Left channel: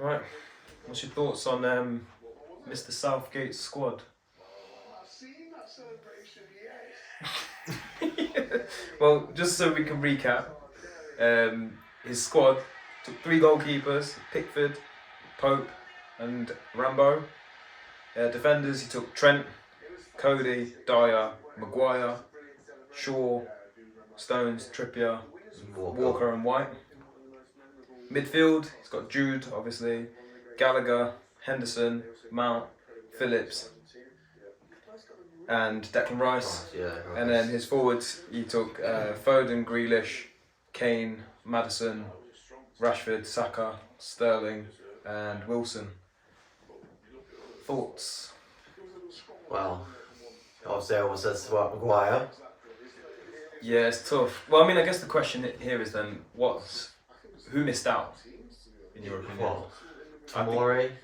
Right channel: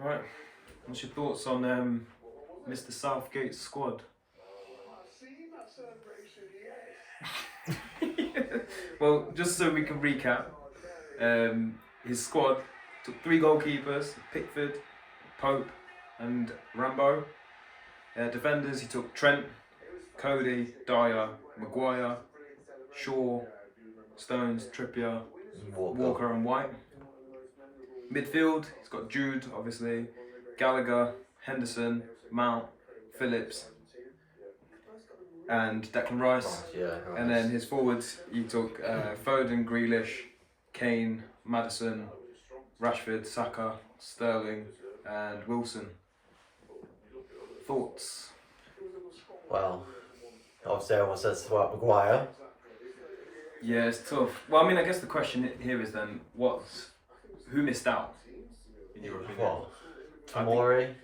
Right. What's your thoughts on Mr. Southgate's squad? Well, just so we can recap, his squad took 3 goalkeepers: Pickford, Pope, and Rambo. Defenders, he took Trent, Cody, Dyer, Maguire, Shaw, Stones, Trippier, Walker and White. Midfield, he's got Jude, obviously, Gallagher, Henderson, Mount, Phillips, and Declan Rice. And then his forwards, he took Foden, Grealish, Kane, Maddison, Rashford, Saka, Sterling, and Wilson. Thoughts? Well, obviously everyone says about Maguire. Yeah, it's tough. Well, I mean, I guess the question here is then, who missed out? What? Tomori?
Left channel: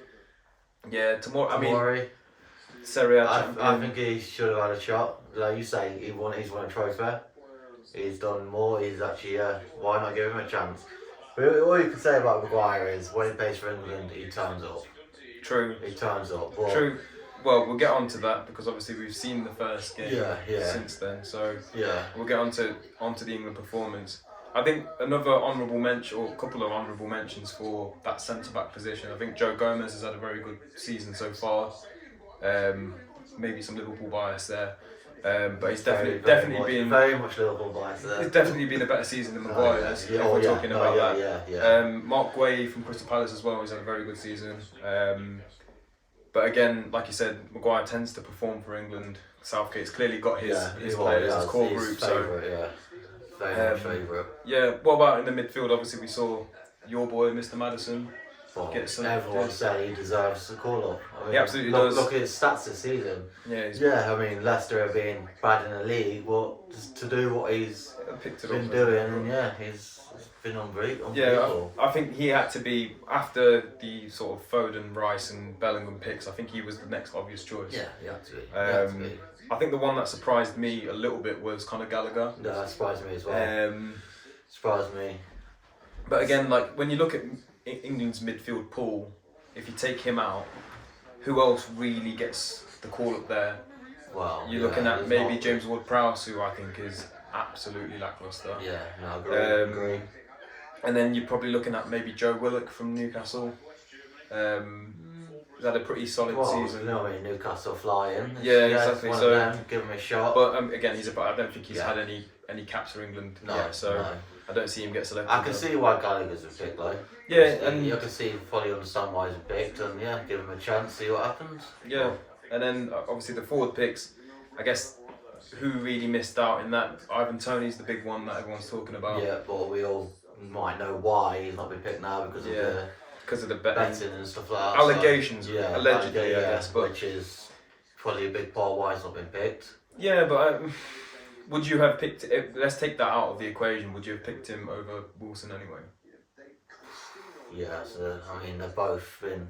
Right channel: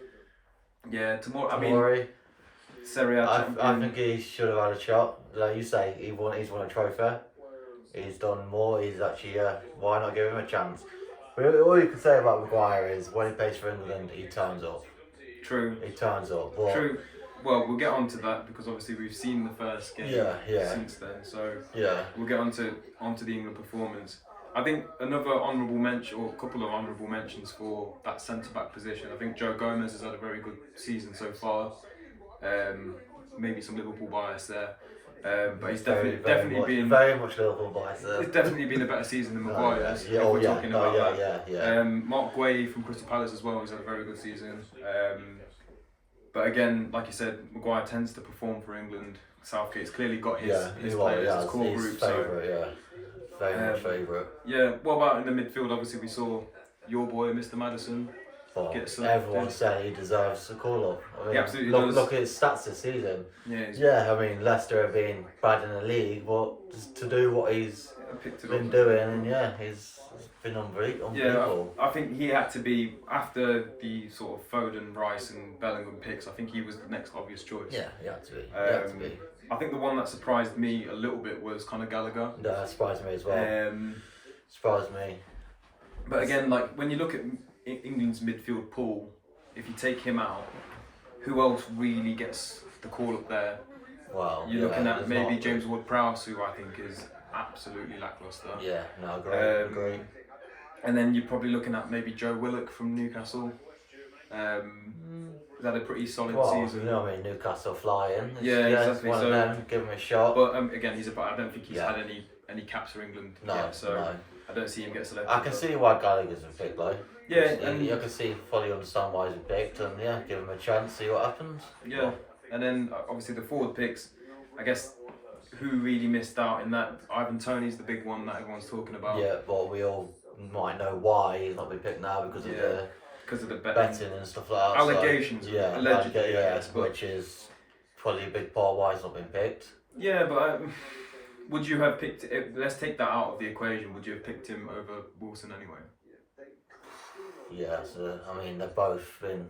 Yeah, Tomori. I Tomori. mean, Serie A I think he should have had a shot. Like you say, he's won a trophy. He's done more. He's actually, why not give him a chance? But all you can say about Maguire is when he plays for England, he turns up. True. He turns up. But True. Well, we'll get on to that because obviously we've seen the first game since then. So we'll get on to the England performance. I think another honourable mention, or a couple of honourable mentions for that centre-back position. I think Joe Gomez has had a very good season so far. Maybe some Liverpool bias there. But he's definitely been very much Liverpool bias there. It's definitely been a better season than Maguire's. Mark Guay from Crystal Palace as well. He's had a very good season. But again, like you said, Maguire tends to perform for England. Southgate's clearly got his players, his core group. Very much favourite. Yeah. What about in the midfield? Obviously, we saw your boy, Mr. Maddison. Everyone said he deserves a call up. I mean, he absolutely does. Look at his stats this season. Yeah. I mean, Leicester have been bad in the league, but just to do what he's been doing, and he's been unbelievable. Yeah, I think he had to be, after the sort of Foden, Rice, and Bellingham picks. I think he was the next obvious choice. Yeah, he had to be. I think the one that surprised me a little bit was Conor Gallagher. No, that surprised me as well. Surprised me. But again, like when you look at England's midfield pool, if you take him out, who else really gets the call up there? Well, you're looking at maybe James Ward-Prowse, who I think is absolutely lacklustre. Yeah, no, agree. And then you're probably looking at maybe Joe Willock from Newcastle. He's had a pretty solid season. You know what I mean, Newcastle flying. Exactly. One of them, give him a shot. But again, I don't think he's had any caps for England. No. I don't see him get selected. I can see why Gallagher's a pick though. Yeah, and I can fully understand why he's picked, and give him a chance, see what happens. Yeah, and then obviously the forward picks. I guess who really missed out in that? Ivan Toney's the big one that everyone's talking about. Yeah, but we all might know why he's not been picked now because of the betting and stuff like that. Allegations, allegedly, yes, but which is probably a big part of why he's not been picked. Yeah, but would you have picked? Let's take that out of the equation. Would you have picked him over Wilson anyway? Yeah, I mean they've both been.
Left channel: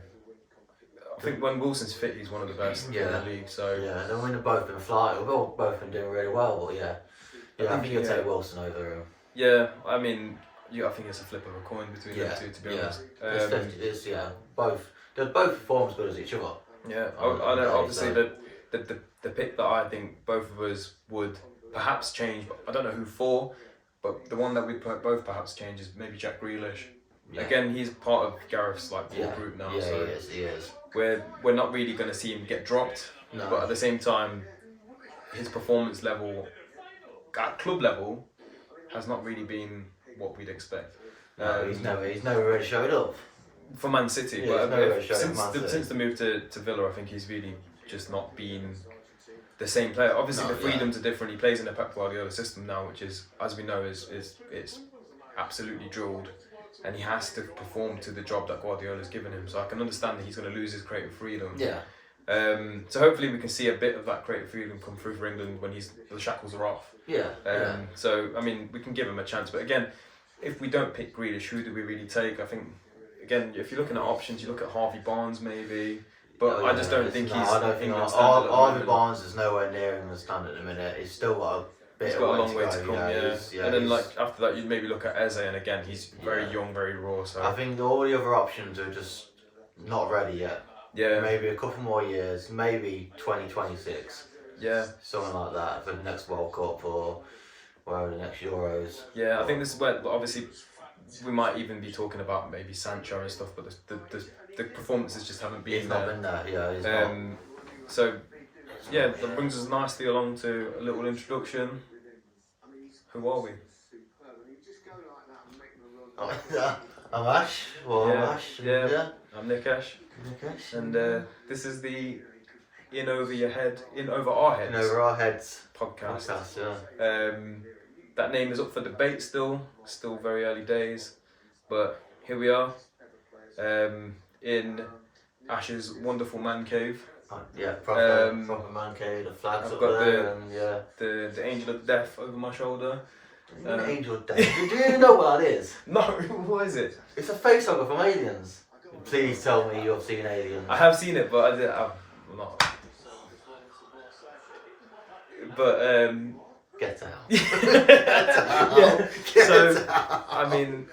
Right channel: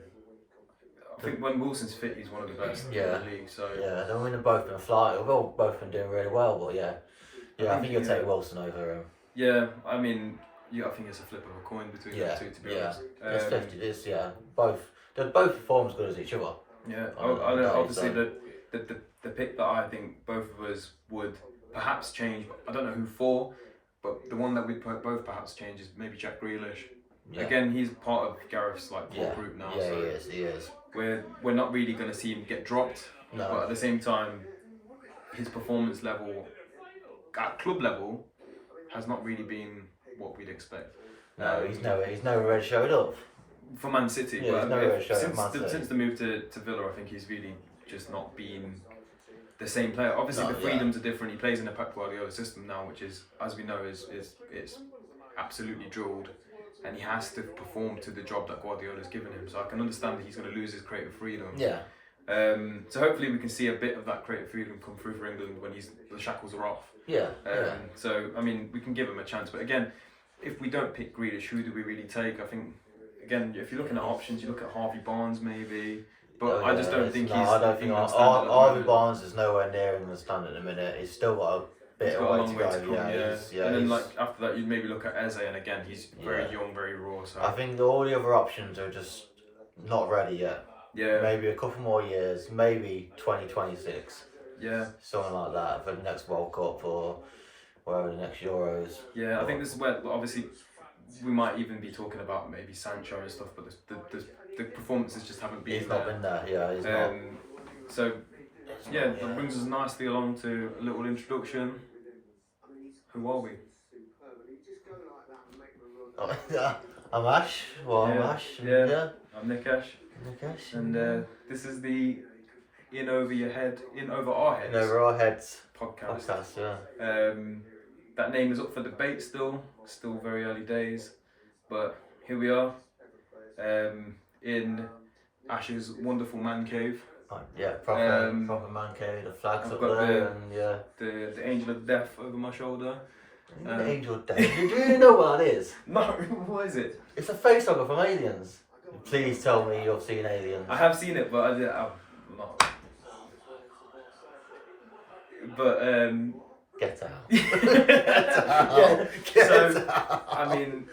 I think when Wilson's fit, he's one of the best in the league. So I mean they've both been flying. We've both been doing really well, but I think you'll take Wilson over him. Yeah, I mean, I think it's a flip of a coin between the two, to be honest. It's 50. It's both. They both perform as good as each other. Yeah, I know. Obviously, the pick that I think both of us would perhaps change, but I don't know who for. But the one that we'd both perhaps change is maybe Jack Grealish. Yeah. Again, he's part of Gareth's core group now. Yeah, so he is. We're not really going to see him get dropped. No. But at the same time, his performance level at club level has not really been what we'd expect. No, he's never really showed up for Man City. Yeah, but since the move to Villa, I think he's really just not been the same player. Obviously, the freedoms are different. He plays in a Pep Guardiola system now, which is, as we know, is absolutely drilled, and he has to perform to the job that Guardiola's given him. So I can understand that he's going to lose his creative freedom. Yeah. So hopefully we can see a bit of that creative freedom come through for England when the shackles are off. Yeah. So I mean, we can give him a chance, but again, if we don't pick Grealish, who do we really take? I think again, if you're looking at options, you look at Harvey Barnes maybe. But I just don't think I don't think Harvey Barnes is nowhere near England standard at the minute. He's still got a bit of a long way to go. And then after that, you'd maybe look at Eze, and again, he's very young, very raw. So I think all the other options are just not ready yet. Yeah. Maybe a couple more years, maybe 2026. Yeah. Something like that for the next World Cup or whatever the next Euros. Yeah, I think this is where obviously we might even be talking about maybe Sancho and stuff, but the performances just haven't been He's there. not been there, yeah, he's not. So, yeah, that brings us nicely along to a little introduction. Who are we? I'm Ash. Well, I'm Ash. Yeah. I'm Nikesh. Nikesh. And this is the In Over Our Heads podcast. Yeah. That name is up for debate still very early days, but here we are, in Ash's wonderful man cave. Yeah, proper man cave. The flags up there, and the angel of death over my shoulder. Angel of death. Do you know what that is? No, what is it? It's a face hugger from Aliens. Please tell me you've seen Aliens. I have seen it, but I'm not. But Get out. Get out. Get out. I mean,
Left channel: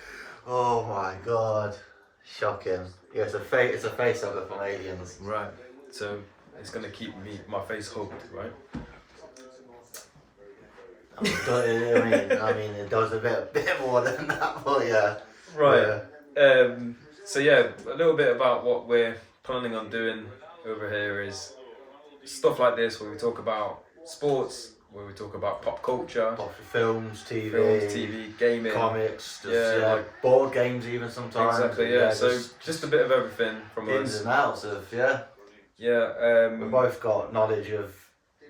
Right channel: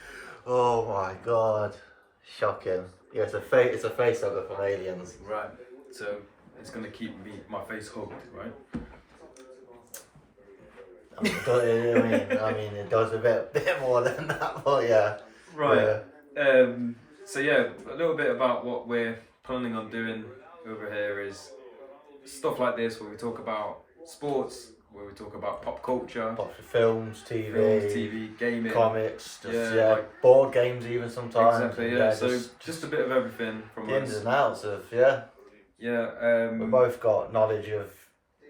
oh my god, shocking. Yeah, it's a face hugger from Aliens. Right. So it's gonna keep my face hugged, right? I mean, it does a bit more than that, but yeah. Right. Yeah. So yeah, a little bit about what we're planning on doing over here is stuff like this, where we talk about sports, where we talk about pop culture, films, TV, gaming, comics, like board games even sometimes. Exactly. Yeah. So just a bit of everything from us. Ins and outs of Yeah. We both got knowledge of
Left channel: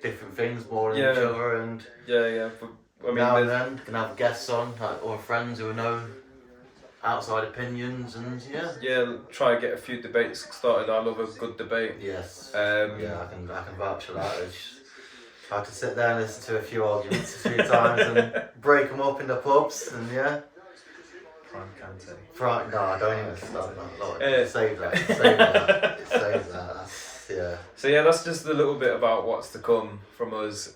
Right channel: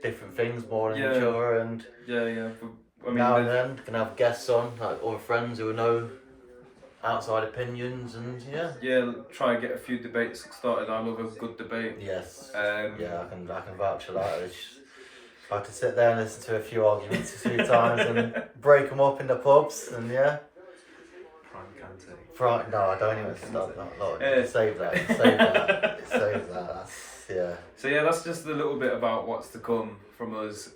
different things more than each other, and I mean, now and then can have guests on, like other friends who know outside opinions, and try and get a few debates started. I love a good debate. Yes. I can vouch for that. I had to sit there and listen to a few arguments a few times and break them up in the pubs, and Right, no, I don't even start that. Save that. It saves that. So that's just a little bit about what's to come from us.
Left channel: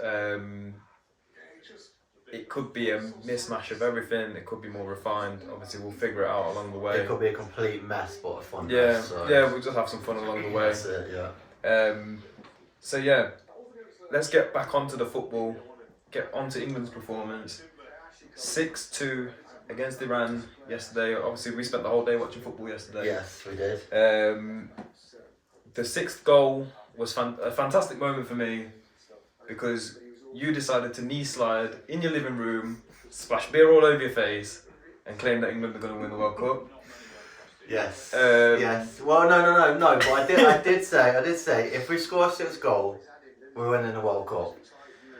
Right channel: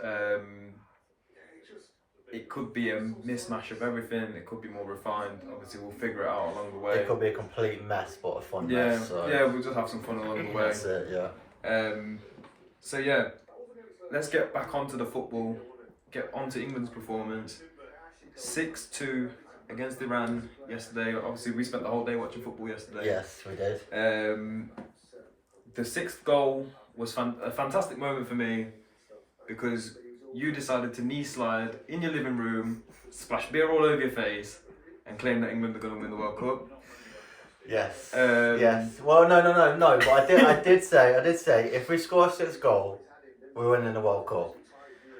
It could be a mismatch of everything. It could be more refined. Obviously, we'll figure it out along the way. It could be a complete mess, but a fun mess. So. Yeah, we'll just have some fun along the way. That's it. Yeah. Let's get back onto the football. Get onto England's performance. 6-2 against Iran yesterday. Obviously, we spent the whole day watching football yesterday. Yes, we did. The sixth goal was a fantastic moment for me, because you decided to knee slide in your living room, splash beer all over your face, and claim that England are going to win the World Cup. Yes. Yes. Well, no. But I did say if we score a sixth goal, we're winning the World Cup.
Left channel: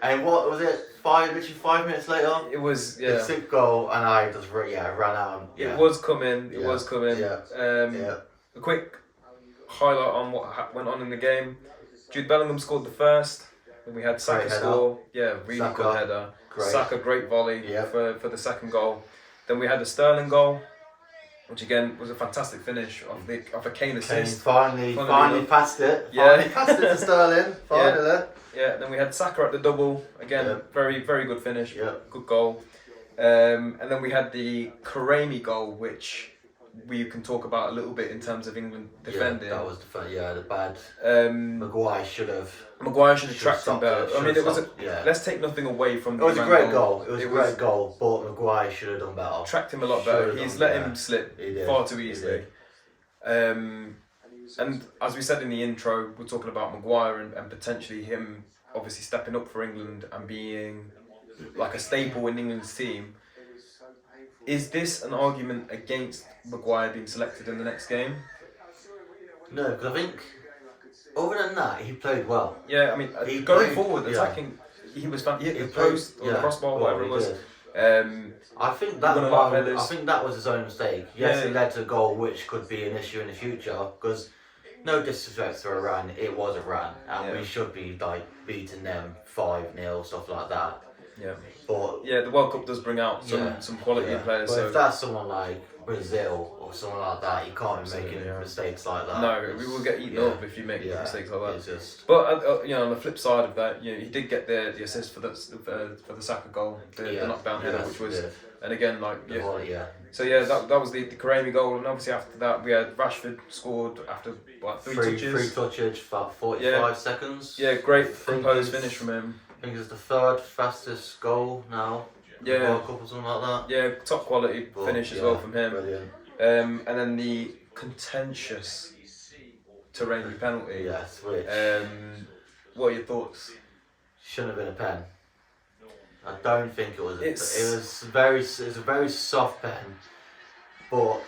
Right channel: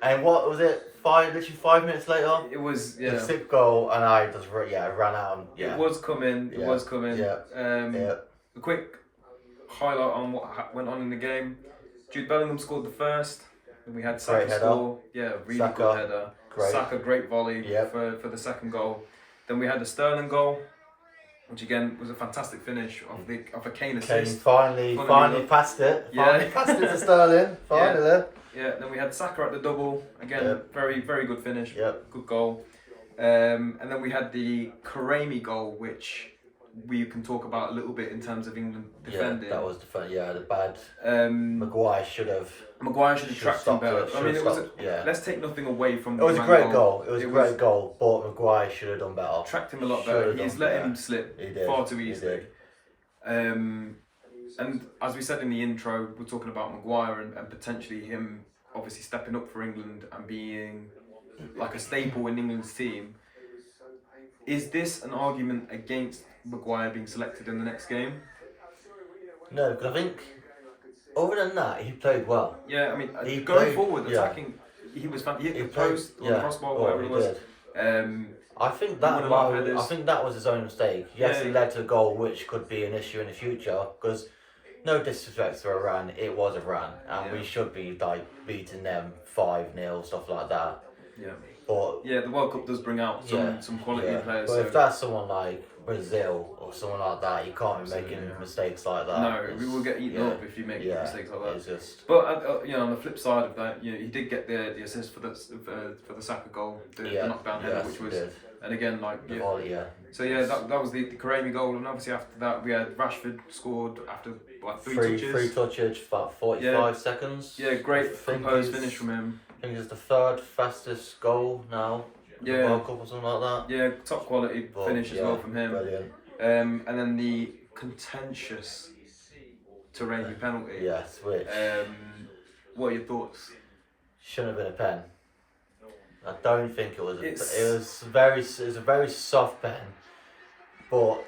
And what was it? Literally 5 minutes later. It was the sixth goal, and I just ran out. And, It was coming. It was coming. Yeah. A quick highlight on what went on in the game. Jude Bellingham scored the first. Then we had Saka score. Yeah, really Saka, good header. great. Saka, great volley for the second goal. Then we had the Sterling goal, which again was a fantastic finish of a Kane assist. Finally passed it. Finally passed it to Sterling. Finally. Yeah. Then we had Saka at the double. Again, very very good finish. Good goal. And then we had the Karami goal, which we can talk about a little bit in terms of England defending. Yeah, that was the bad. Maguire should have tracked him better. I mean, it was. Let's take nothing away from. It was a great goal. It was a great goal, but Maguire should have done better. Tracked him a lot better. He's let him slip far too easily. And as we said in the intro, we're talking about Maguire and potentially him obviously stepping up for England and being like a staple in England's team. Is this an argument against Maguire being selected in the next game? No, because I think other than that, he played well. Yeah, I mean, going forward, attacking, he was fantastic. He hit the post, or the crossbar, whatever it was. I think that was his own mistake. Yes, it led to a goal, which could be an issue in the future. Because no disrespect to Iran, it was Iran, and we should be beating them 5-0, stuff like that. Yeah. But the World Cup does bring out some quality players. But if that's someone like Brazil or someone like that, you can't be making mistakes like that. No, we will get eaten up if you make mistakes like that. It's just... But on the flip side of that, he did get the assist for the Saka goal, the knockdown header, which was, and again So yeah, that was the Karami goal, and obviously after that we had Rashford scored after like three touches. 3 touches, about 45 seconds. Yeah, great composed finish from him. I think it's the 3rd fastest goal now. Yeah. The World Cup or something like that. Yeah, top quality finish as well from him. Brilliant. And then the contentious Taremi penalty. Yes, which. What are your thoughts? Shouldn't have been a pen. I don't think it was. It was a very soft pen, but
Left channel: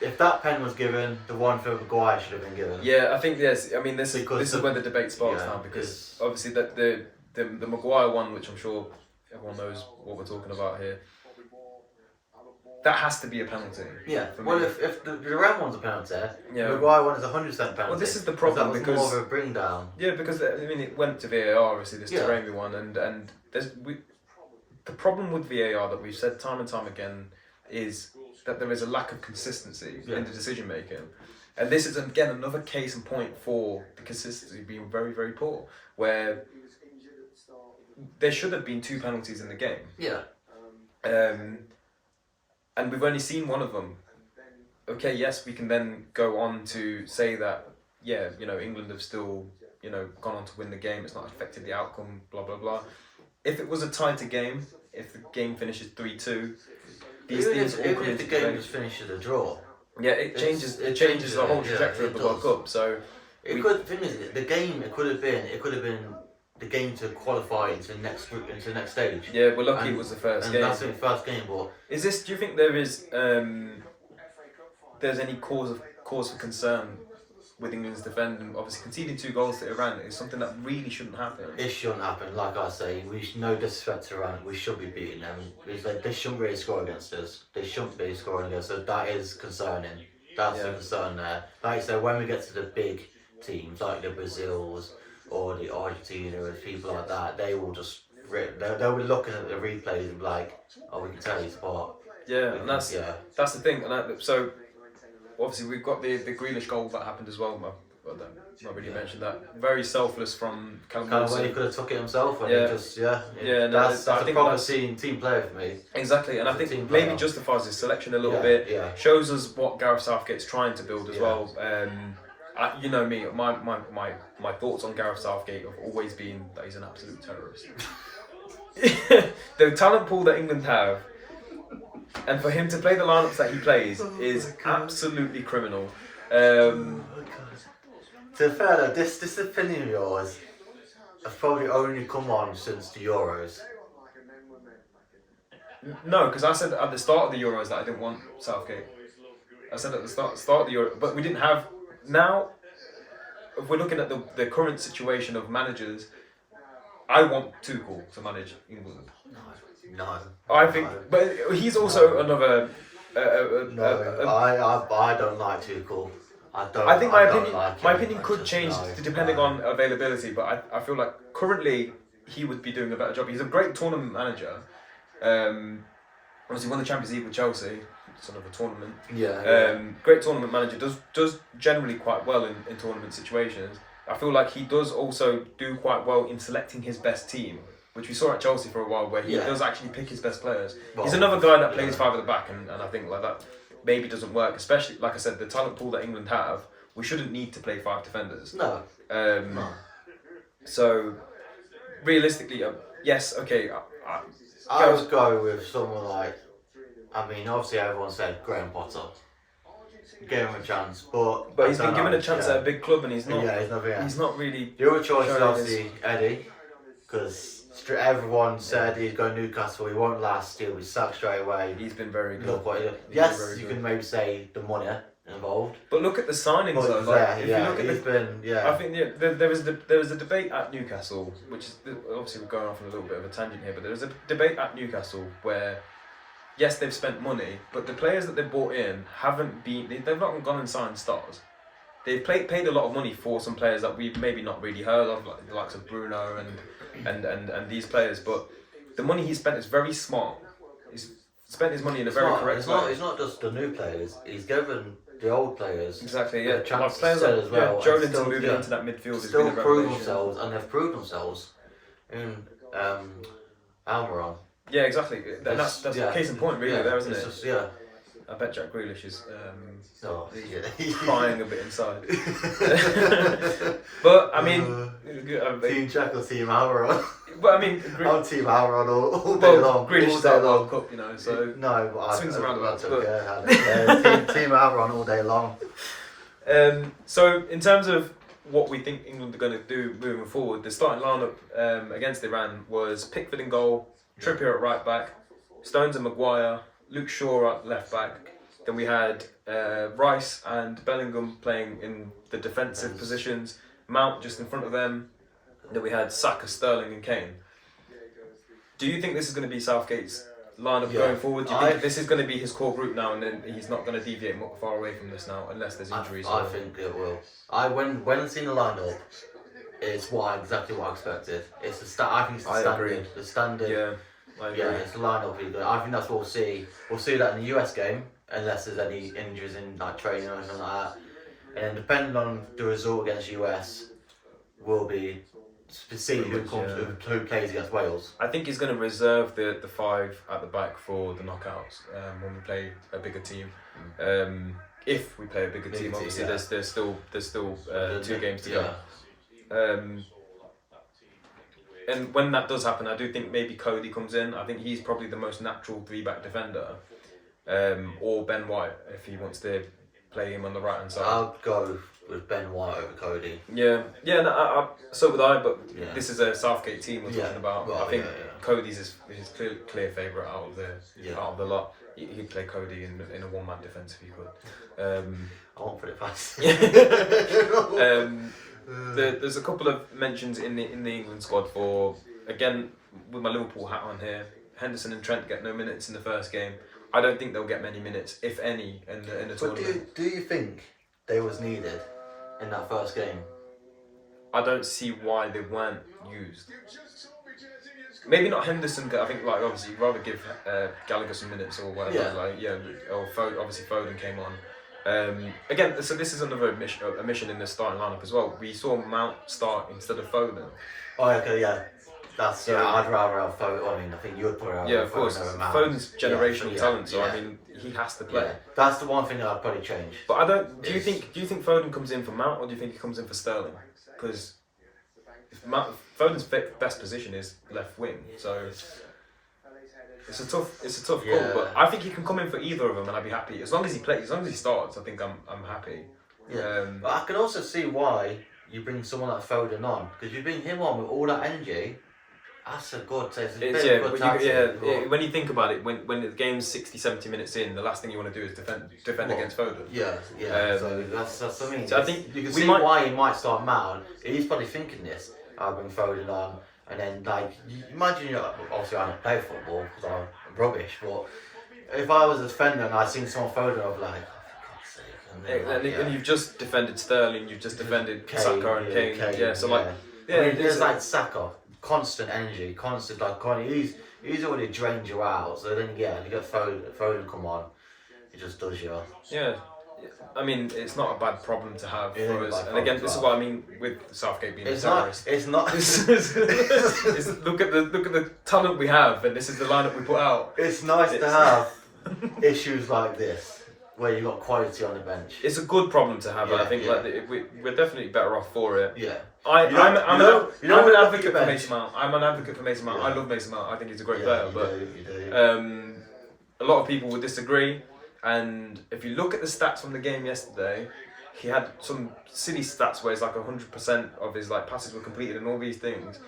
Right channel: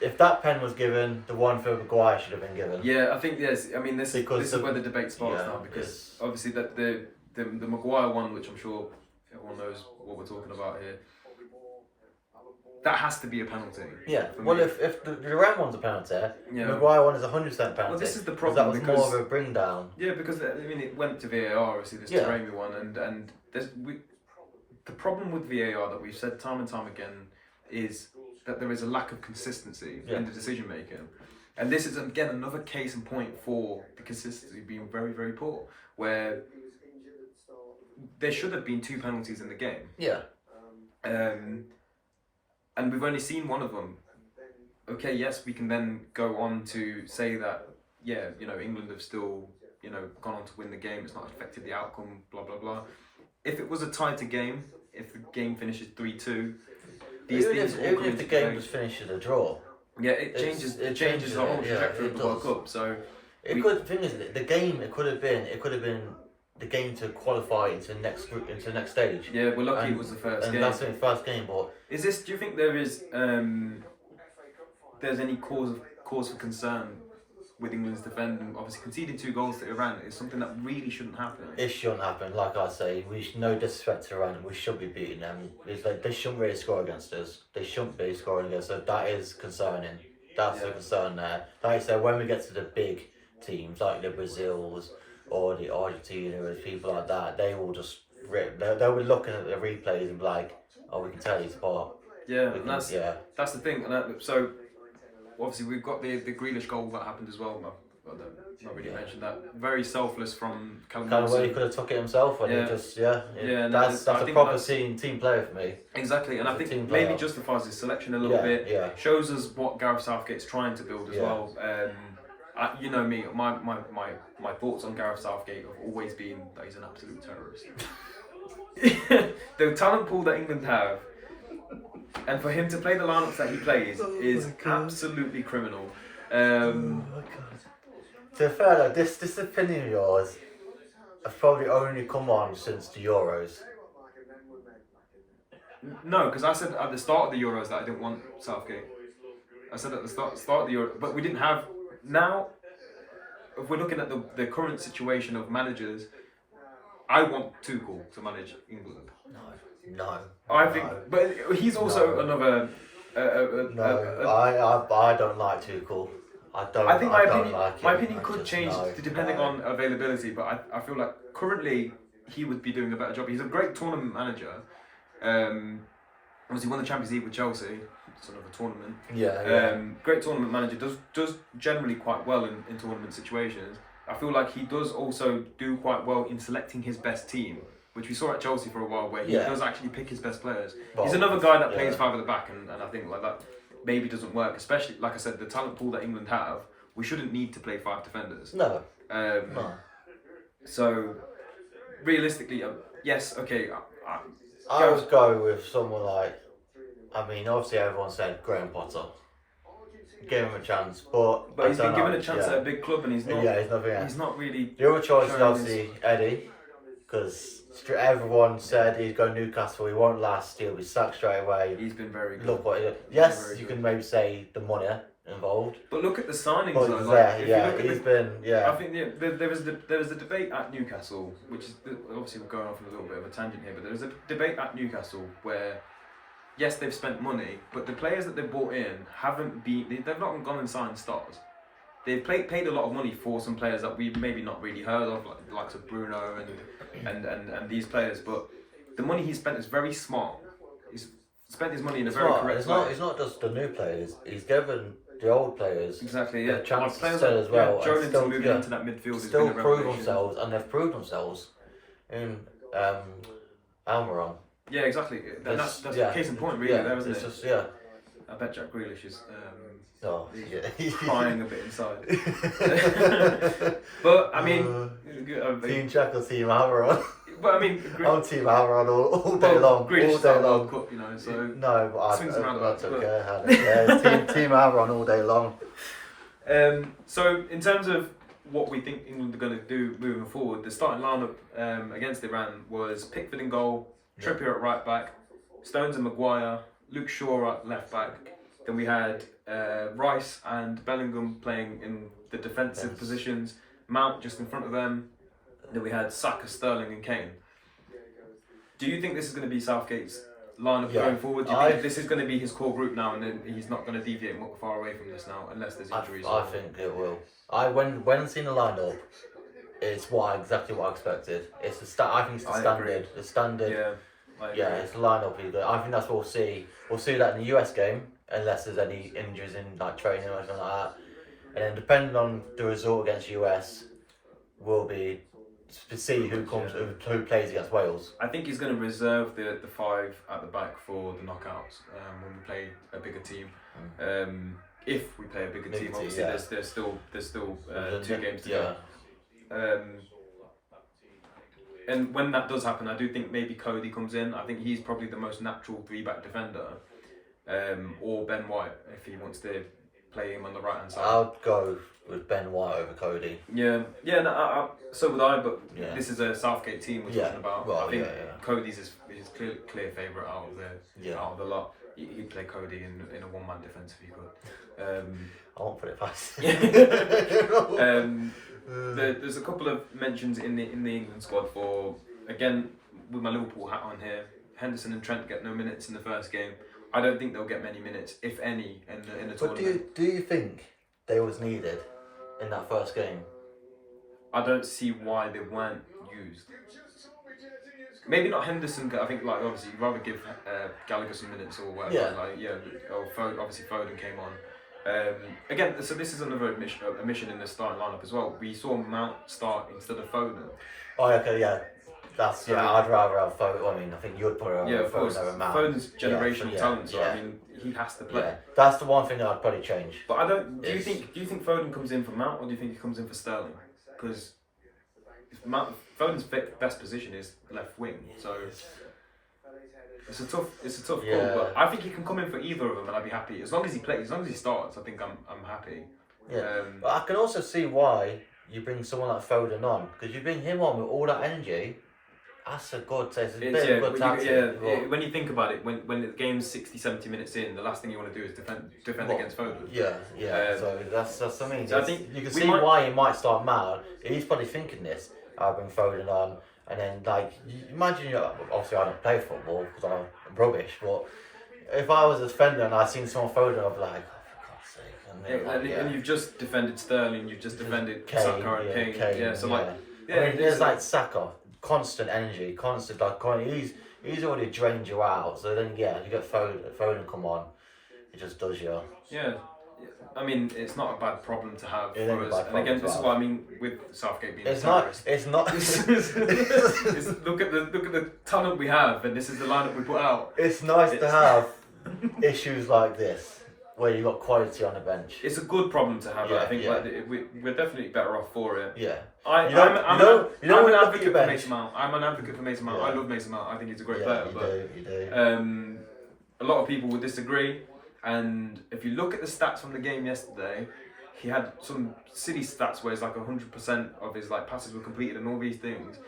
if that pen was given, the one for Maguire should have been given. Yeah, I think yes. I mean, this is where the debate sparks now, because obviously the Maguire one, which I'm sure everyone knows what we're talking about here, that has to be a penalty. Yeah. Well, if the Durant one's a penalty, yeah. The Maguire one is 100% penalty. Well, this is the problem. That was more of a bring down. Yeah, because I mean, it went to VAR. Obviously, this Taremi one, and the problem with VAR that we've said time and time again is that there is a lack of consistency in the decision making, and this is again another case in point for the consistency being very, very poor, where there should have been 2 penalties in the game. Yeah. And we've only seen one of them. Okay, yes, we can then go on to say that, yeah, England have still, gone on to win the game. It's not affected the outcome, blah, blah, blah. If it was a tighter game, if the game finishes 3-2, these things all even if the game just finishes a draw. Yeah, it changes the whole trajectory of the World Cup. So the thing is, the game it could have been the game to qualify into the next group, into the next stage. Yeah, we're lucky it was the first game. And that's the first game, but do you think there is there's any cause for concern with England's defending? Obviously, conceding 2 goals to Iran is something that really shouldn't happen. It shouldn't happen. Like I say, no disrespect to Iran, we should be beating them. They shouldn't really score against us. They shouldn't be scoring against us. So that is concerning. That's a concern there. Like I say, when we get to the big teams like the Brazils or the Argentina or people like that, they will just they'll be looking at the replays and be like, oh, we can tell he's apart. Yeah, and that's the thing. And so obviously we've got the Grealish goal that happened as well. I not really mentioned that. Very selfless from Callum Wilson. Well, he could have took it himself when he just that's a proper team player for me. Exactly, and I think maybe justifies his selection a little bit. Yeah. Shows us what Gareth Southgate's trying to build as well. You know me, my thoughts on Gareth Southgate have always been that he's an absolute terrorist. The talent pool that England have, and for him to play the lineups that he plays is absolutely criminal. To be fair though, this opinion of yours has probably only come on since the Euros. No, because I said at the start of the Euros that I didn't want Southgate. I said at the start of the Euros, but we didn't have. Now, if we're looking at the current situation of managers, I want Tuchel to manage England. No. I think, but he's also another. I don't like Tuchel. I think my opinion could change depending on availability, but I feel like currently he would be doing a better job. He's a great tournament manager. Obviously won the Champions League with Chelsea. Sort of a tournament. Great tournament manager, does generally quite well in tournament situations. I feel like he does also do quite well in selecting his best team, which we saw at Chelsea for a while, where he does actually pick his best players. Well, he's another guy that plays 5 at the back, and I think like that maybe doesn't work, especially like I said, the talent pool that England have. We shouldn't need to play 5 defenders. No. So realistically, yes, okay. I would go with someone like. I mean, obviously everyone said Graham Potter. Give him a chance, but he's been given a chance at a big club, and he's not. Yeah, he's not really. The other choice is obviously Eddie, because everyone said he's going to Newcastle. He won't last. He'll be sacked straight away. He's been very good. Look what he did. Yes, you can maybe say the money involved. But look at the signings. But I think there was a debate at Newcastle, which is obviously we're going off on a little bit of a tangent here, but there was a debate at Newcastle where. Yes, they've spent money, but the players that they've bought in they've not gone and signed stars. They've paid a lot of money for some players that we've maybe not really heard of, like the likes of Bruno and these players. But the money he spent is very smart. He's spent his money in a very correct way. It's not just the new players. He's given the old players a chance to sell as well. Yeah, Jolinton moving into that midfield still prove themselves, and they've proved themselves in Almiron. Yeah, exactly. That's a case in point, really. There, isn't it? I bet Jack Grealish is he's crying a bit inside. But I mean, Team Jack or Team Almiron? But I mean, I'm Team Almiron all day long. Grealish all day long. World Cup, you know. So no, but I swings around don't care. Team Almiron all day long. So in terms of what we think England are going to do moving forward, the starting lineup against Iran was Pickford in goal, Trippier at right back, Stones and Maguire, Luke Shaw at left back. Then we had Rice and Bellingham playing in the defensive positions, Mount just in front of them. Then we had Saka, Sterling and Kane. Do you think this is going to be Southgate's lineup going forward? Do you think this is going to be his core group now, and then he's not going to deviate far away from this now, unless there's injuries? I think it will. When seeing the lineup, it's exactly what I expected. It's the I think it's the standard. Agree. The standard. Yeah, it's the lineup. I think that's what we'll see. We'll see that in the US game, unless there's any injuries in like training or anything like that. And then depending on the result against US, will be to see who plays against Wales. I think he's going to reserve the five at the back for the knockouts when we play a bigger team. If we play a bigger team, obviously there's still 2 games to go. And when that does happen, I do think maybe Cody comes in. I think he's probably the most natural 3-back defender, or Ben White if he wants to play him on the right hand side. I'll go with Ben White over Cody. No, so would I. But this is a Southgate team we're talking about. Well, I think Cody's his clear favourite out of the lot. He'd play Cody in a one-man defence if he could. I won't put it past. There's a couple of mentions in the England squad for, again, with my Liverpool hat on here. Henderson and Trent get no minutes in the first game. I don't think they'll get many minutes, if any, in the tournament. But do you think they was needed in that first game? I don't see why they weren't used. Maybe not Henderson. I think obviously you'd rather give Gallagher some minutes or whatever. Or obviously Foden came on. Again, so this is another omission in the starting lineup as well. We saw Mount start instead of Foden. Oh, okay, yeah. I'd rather have Foden. I mean, I think you'd probably rather of course. over Mount. Foden's generational talent, so I mean, he has to play. Yeah. That's the one thing that I'd probably change. But I don't. Do you think Foden comes in for Mount, or do you think he comes in for Sterling? Because Foden's best position is left wing, so it's a tough call. But I think he can come in for either of them, and I'd be happy as long as he plays. As long as he starts, I think I'm happy. Yeah. But I can also see why you bring someone like Foden on, because you bring him on with all that energy. That's a good taste. When you think about it, when the game's 60-70 minutes in, the last thing you want to do is defend against Foden. So that's what I mean. So I think you can see why he might start Mount. He's probably thinking this. I'll bring Foden on, and then imagine obviously I don't play football because I'm rubbish, but if I was a defender and I seen someone Foden, I'd be like, oh, for God's sake. And you've just defended Sterling, you've just defended Saka and Kane. I mean, there's Saka. Constant energy, he's already drained you out. So then you get Foden come on, he just does you. Yeah, I mean it's not a bad problem to have. And again, this is what I mean with Southgate being a terrorist. It's not. Look at the talent we have, and this is the lineup we put out. It's nice to have issues like this where you've got quality on the bench. It's a good problem to have. I think we're definitely better off for it. Yeah. I'm an advocate for Mason Mount. I'm an advocate for Mason Mount. I love Mason Mount. I think he's a great player. You do. A lot of people would disagree. And if you look at the stats from the game yesterday, he had some silly stats where it's like 100% of his passes were completed and all these things.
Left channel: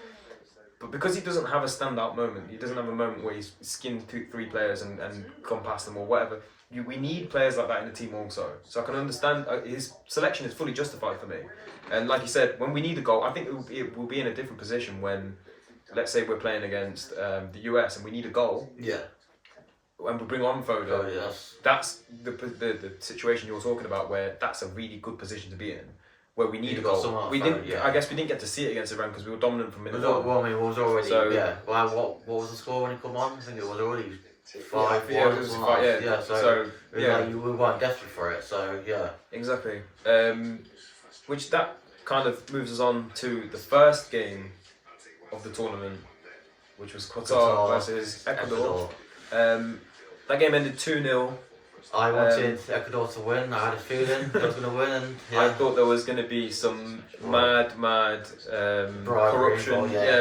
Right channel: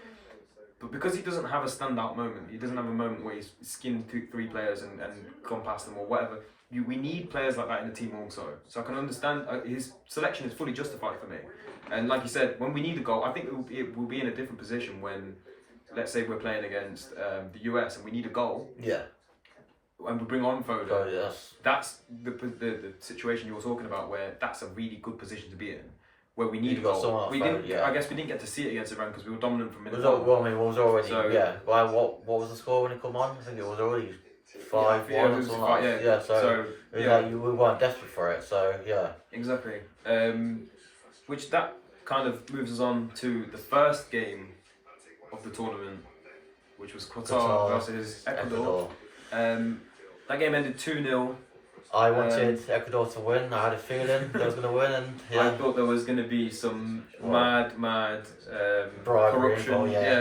But because he doesn't have a standout moment, he doesn't have a moment where he's skimmed 2-3 players and gone past them or whatever. We need players like that in the team also. So I can understand his selection is fully justified for me. And like you said, when we need a goal, I think we'll be in a different position when, let's say we're playing against the US and we need a goal. Yeah. And we bring on Foden. Oh, yes. That's the situation you're talking about, where that's a really good position to be in, where we need a goal. I guess we didn't get to see it against Iran because we were dominant from minute one. Well, I mean, it was already what was the score when it come on? I think it was already 5-1. So we weren't desperate for it. So yeah. Exactly. Which that kind of moves us on to the first game of the tournament, which was Qatar versus Ecuador. That game ended 2-0. I wanted Ecuador to win. I had a feeling they was going to win, and I thought there was going to be some mad bribery. corruption.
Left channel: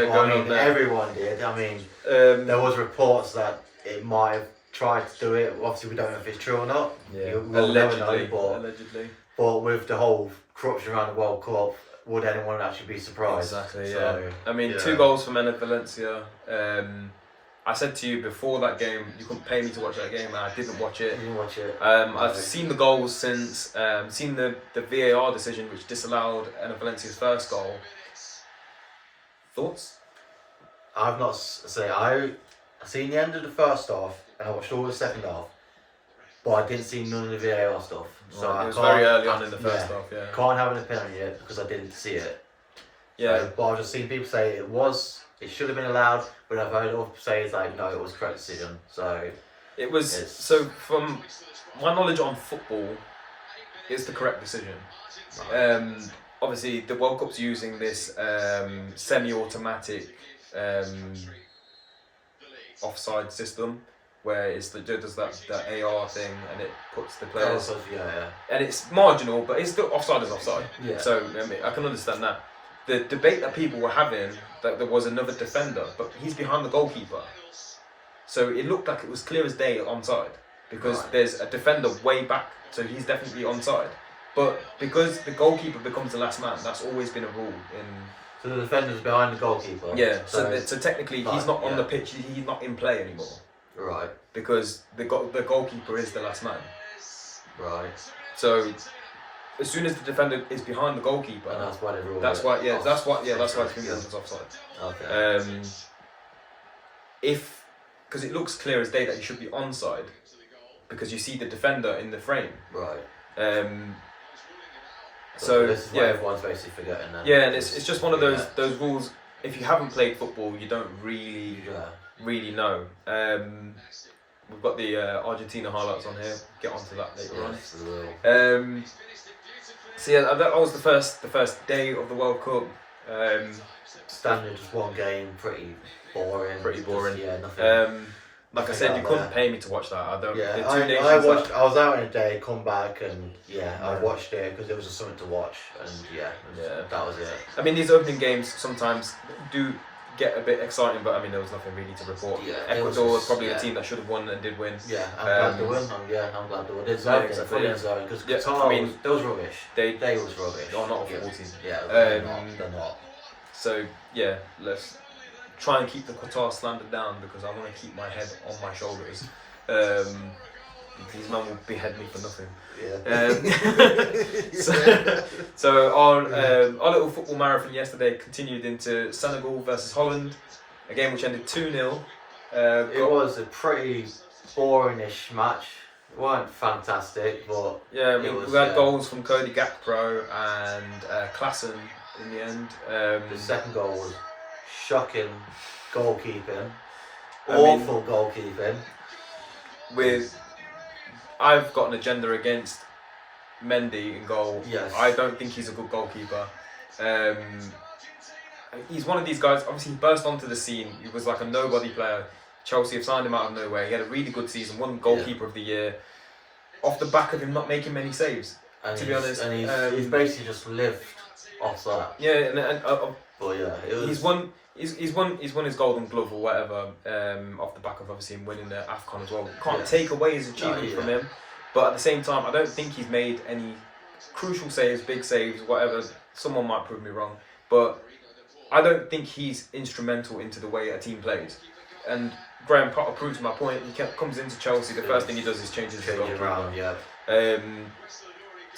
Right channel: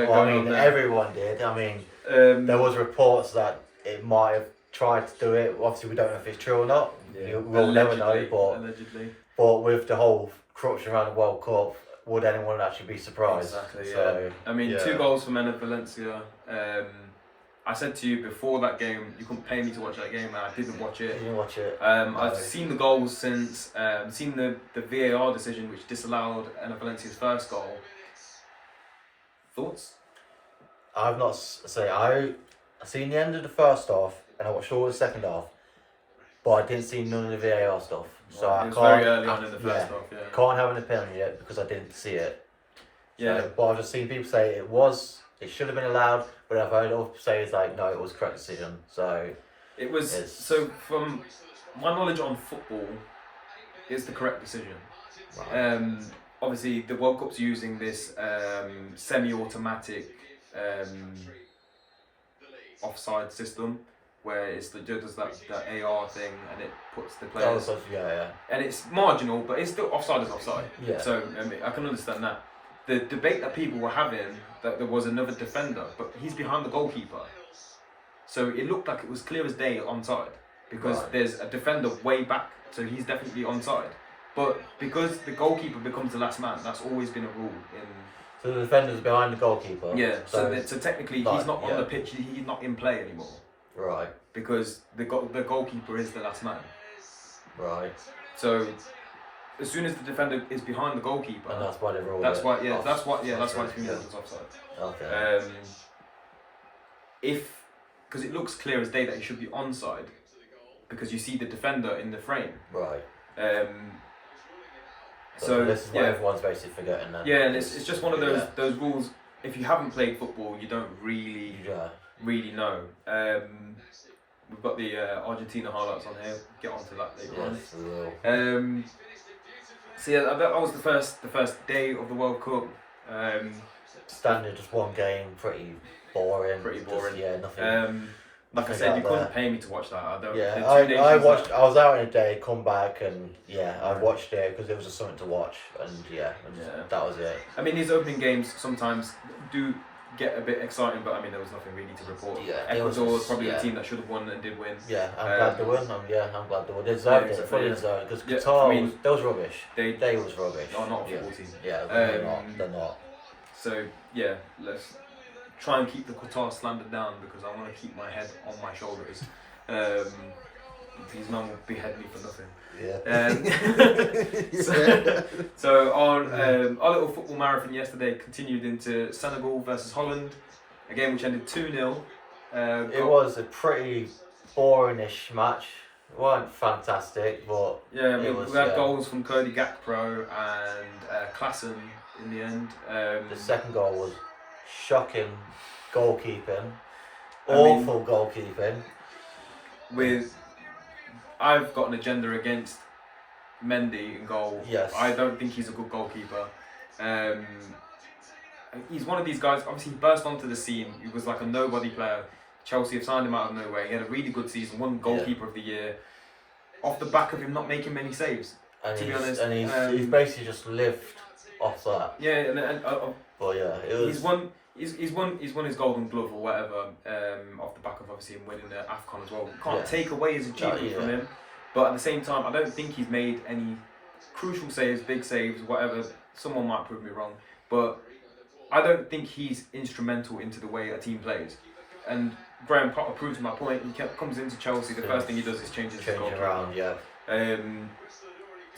Well, I mean, everyone did. I mean, there was reports that it might have tried to do it. Obviously, we don't know if it's true or not. Yeah. We'll never know. Allegedly. But with the whole corruption around the World Cup, would anyone actually be surprised? Exactly. So, yeah. I mean, 2 goals for Mena Valencia. I said to you before that game, you couldn't pay me to watch that game, and I didn't watch it. You didn't watch it? I've seen the goals since, seen the VAR decision which disallowed Mena Valencia's first goal. Thoughts? I've not I seen the end of the first half, and I watched all the second half, but I didn't see none of the VAR stuff. So it was very early on in the first half. Yeah. Can't have an opinion yet because I didn't see it. Yeah. So, but I've just seen people say it should have been allowed, but I've heard other say it's like no, it was correct decision. So it was. So from my knowledge on football, it's the correct decision. Right. Obviously, the World Cup's using this semi-automatic offside system where it does that AR thing and it puts the players. And it's marginal, but it's still offside is offside. Yeah. So I mean, I can understand that. The debate that people were having that there was another defender, but he's behind the goalkeeper, so it looked like it was clear as day onside because there's a defender way back, so he's definitely onside. But because the goalkeeper becomes the last man, that's always been a rule in. So the defender's behind the goalkeeper. Yeah. So technically, he's not on the pitch. He's not in play anymore. Right. Because the goalkeeper is the last man. Right. So as soon as the defender is behind the goalkeeper, and that's why they rule. That's why it's been ruled as offside. Okay. Because it looks clear as day that he should be onside, because you see the defender in the frame. Right. So this is what everyone's basically forgetting then. Yeah, and it's just one of those rules. If you haven't played football, you don't really know. We've got the Argentina highlights on here. Get onto that later on. We will. So yeah, that was the first day of the World Cup. Standard, just one game, pretty boring. Nothing. Like I said, you couldn't pay me to watch that. I don't. Yeah, I watched. I was out in a day, come back, and I watched it because there was just something to watch, and that was it. I mean, these opening games sometimes do get a bit exciting, but I mean, there was nothing really to report. Yeah, Ecuador was probably a team that should have won and did win. Yeah, I'm glad they won. I'm glad they won. They deserved it. Fully deserved because Qatar they was rubbish. They was rubbish. Oh, not a full team. Yeah, they're not. So yeah, let's try and keep the Qatar slander down because I want to keep my head on my shoulders. These men will behead me for nothing. Yeah. So our little football marathon yesterday continued into Senegal versus Holland, a game which ended 2-0. It was a pretty boringish match. It wasn't fantastic, but we had goals from Cody Gakpo and Klassen in the end. The second goal was shocking goalkeeping, awful goalkeeping. I've got an agenda against Mendy in goal. Yes. I don't think he's a good goalkeeper. He's one of these guys, obviously he burst onto the scene. He was like a nobody player. Chelsea have signed him out of nowhere. He had a really good season, won goalkeeper of the year, off the back of him not making many saves, to be honest. And he's basically just lived off that. Yeah, but yeah, it was... He's won his Golden Glove or whatever off the back of obviously him winning the AFCON as well. Can't take away his achievement from him, but at the same time, I don't think he's made any crucial saves, big saves, whatever. Someone might prove me wrong, but I don't think he's instrumental into the way a team plays. And Graham Potter proves my point. He comes into Chelsea, the first thing he does is change his goal around. Yeah. So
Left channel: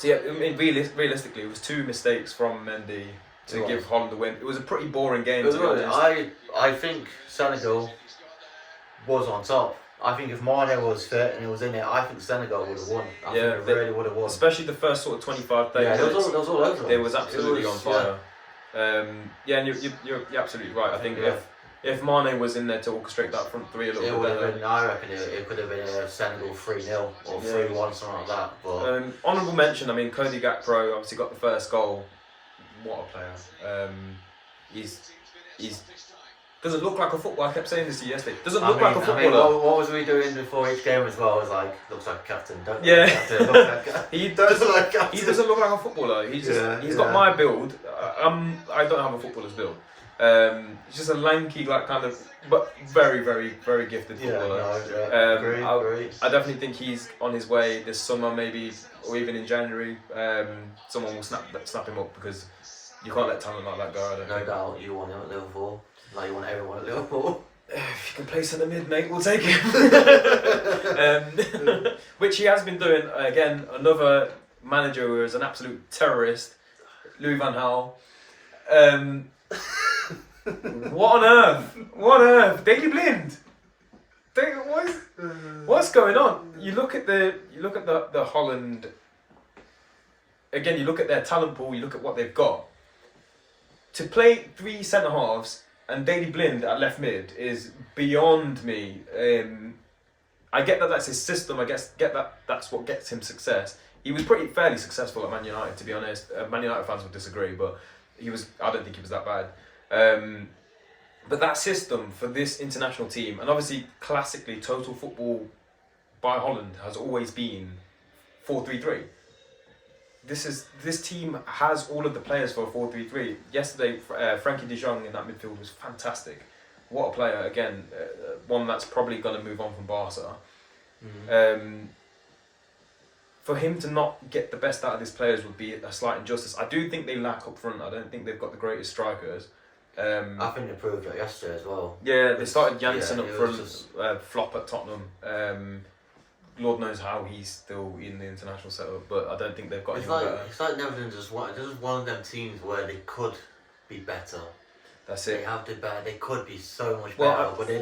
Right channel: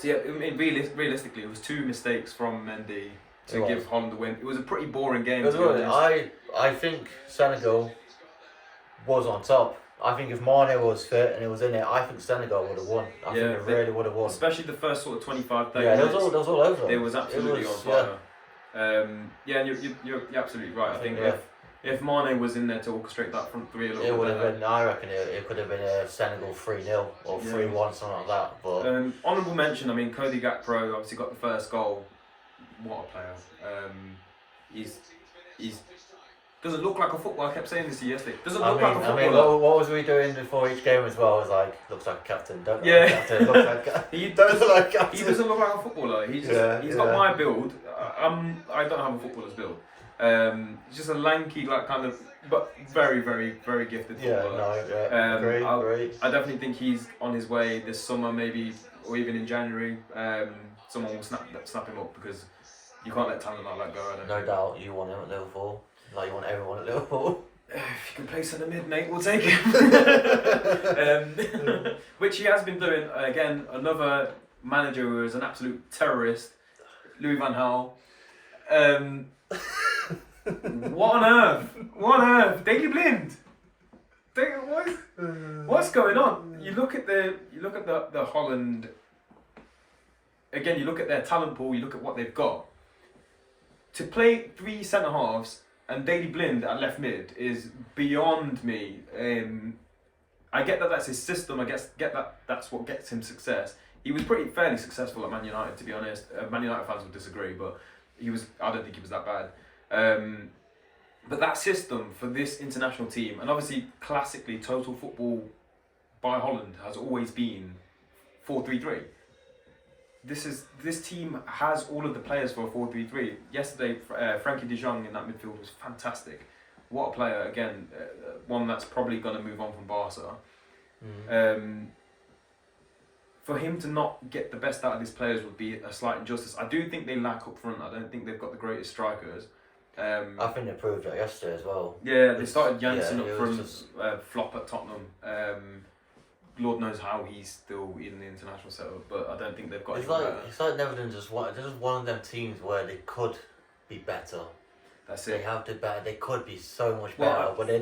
yeah, I mean, realistically, it was 2 mistakes from Mendy to give Holland the win. It was a pretty boring game. I think Senegal was on top. I think if Mane was fit and he was in it, I think Senegal would have won. I think it really would have won. Especially the first sort of 25, 30 minutes. It was all over. It was absolutely on fire. And you're absolutely right. I think if Mane was in there to orchestrate that front three a little bit, it would have been. I reckon it could have been a Senegal 3-0 or 3-1, something like that. But honourable mention. I mean, Cody Gakpo obviously got the first goal. What a player! He's doesn't look like a footballer. I kept saying this to you yesterday. Doesn't look like a footballer. What was we doing before each game as well? I was like, looks like a captain. Don't look Yeah. like a captain. Looks like a, He does look like a captain. He doesn't look like a footballer. He's got my build. I don't have a footballer's build. He's just a lanky, like kind of, but very, very, very gifted footballer. Agree. I definitely think he's on his way this summer, maybe, or even in January. Someone will snap him up because you can't let talent like that go. No doubt, you want him at Liverpool. Like you want everyone at Liverpool. If you can play centre mid, mate, we'll take him. Which he has been doing. Again, another manager who is an absolute terrorist, Louis van Gaal. What on earth? What on earth? Daily Blind. What's going on? You look at the Holland. Again, you look at their talent pool. You look at what they've got. To play 3 centre halves and Daily Blind at left mid is beyond me. I get that that's his system. I get that that's what gets him success. He was fairly successful at Man United, to be honest. Man United fans would disagree, but I don't think he was that bad. But that system for this international team, and obviously classically total football by Holland has always been 4-3-3. This team has all of the players for a 4-3-3. Yesterday, Frankie de Jong in that midfield was fantastic. What a player! Again, one that's probably going to move on from Barca. For him to not get the best out of his players would be a slight injustice. I do think they lack up front. I don't think they've got the greatest strikers. I think they proved that yesterday as well. Yeah, they started Janssen up front, flop at Tottenham. Lord knows how he's still in the international setup, but I don't think they've got. It's like Netherlands just one of them teams where they could be better. That's it. They have to better. They could be so much better, but they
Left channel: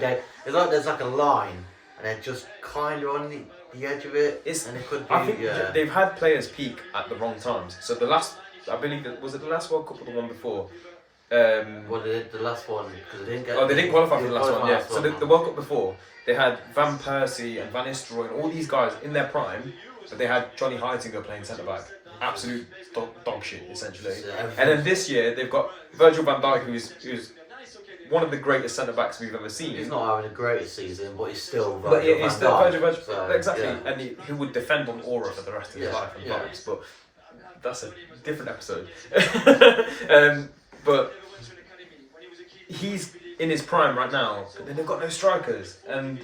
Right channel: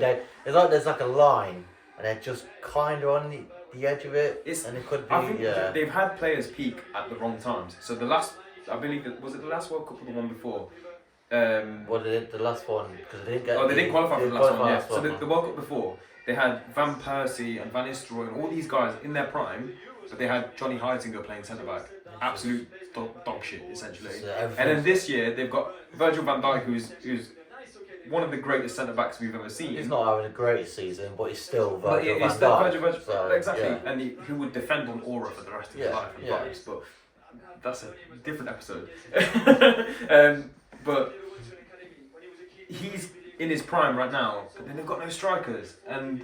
it's like there's like a line, and they're just kind of on the edge of it. And it could be. I think they've had players peak at the wrong times. So I believe was it the last World Cup or the one before? The last one because they didn't get. They didn't qualify for the last one. Yeah. So the World Cup before. They had Van Persie and Van Nistelrooy and all these guys in their prime, but they had Johnny Heidsinger playing centre back. Absolute dog shit, essentially. And then this year they've got Virgil van Dijk, who's one of the greatest centre backs we've ever seen. He's not having a greatest season, but he's still Virgil van Dijk. Virgil, exactly, and he would defend on aura for the rest of his life at times. But that's a different episode. But he's in his prime right now, but then they've got no strikers, and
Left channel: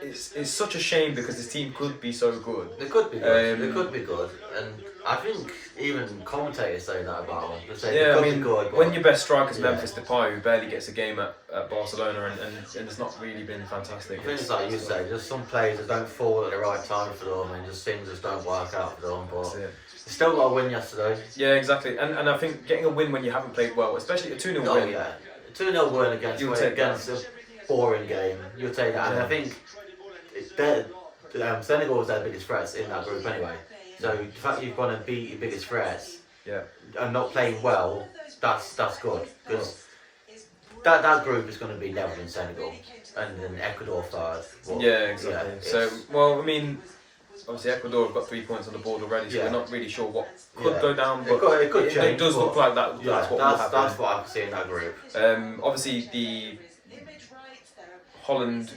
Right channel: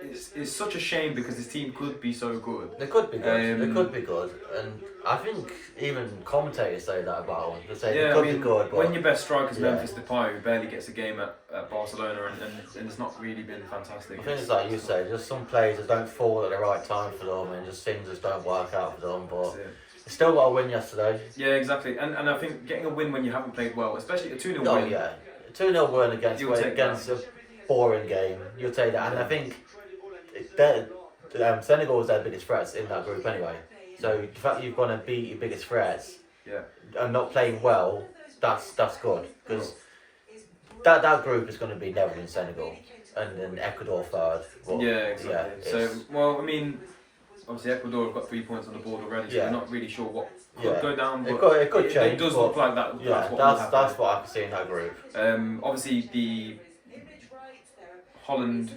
it's such a shame because this team could be so good. They could be good. They could be good, and I think even commentators say that about them. They say they could be good. But when your best striker's Memphis Depay, who barely gets a game at Barcelona, and it's not really been fantastic. I think it's like you say, just some players that don't fall at the right time for them, and just things just don't work out for them. But they still got a win yesterday. Yeah, exactly, and I think getting a win when you haven't played well, especially a 2-0 win. Oh yeah. 2-0 win against a boring game. You'll take that, and I think Senegal was their biggest threats in that group anyway. So the fact you've gone and beat your biggest threats, and not playing well, that's good because that group is going to be Netherlands, Senegal, and then Ecuador third. But, exactly. So I mean, obviously Ecuador have got 3 points on the board already, so we're not really sure what could go down. But it could change. It does look like that. That's what I can see in that group. Obviously, the Holland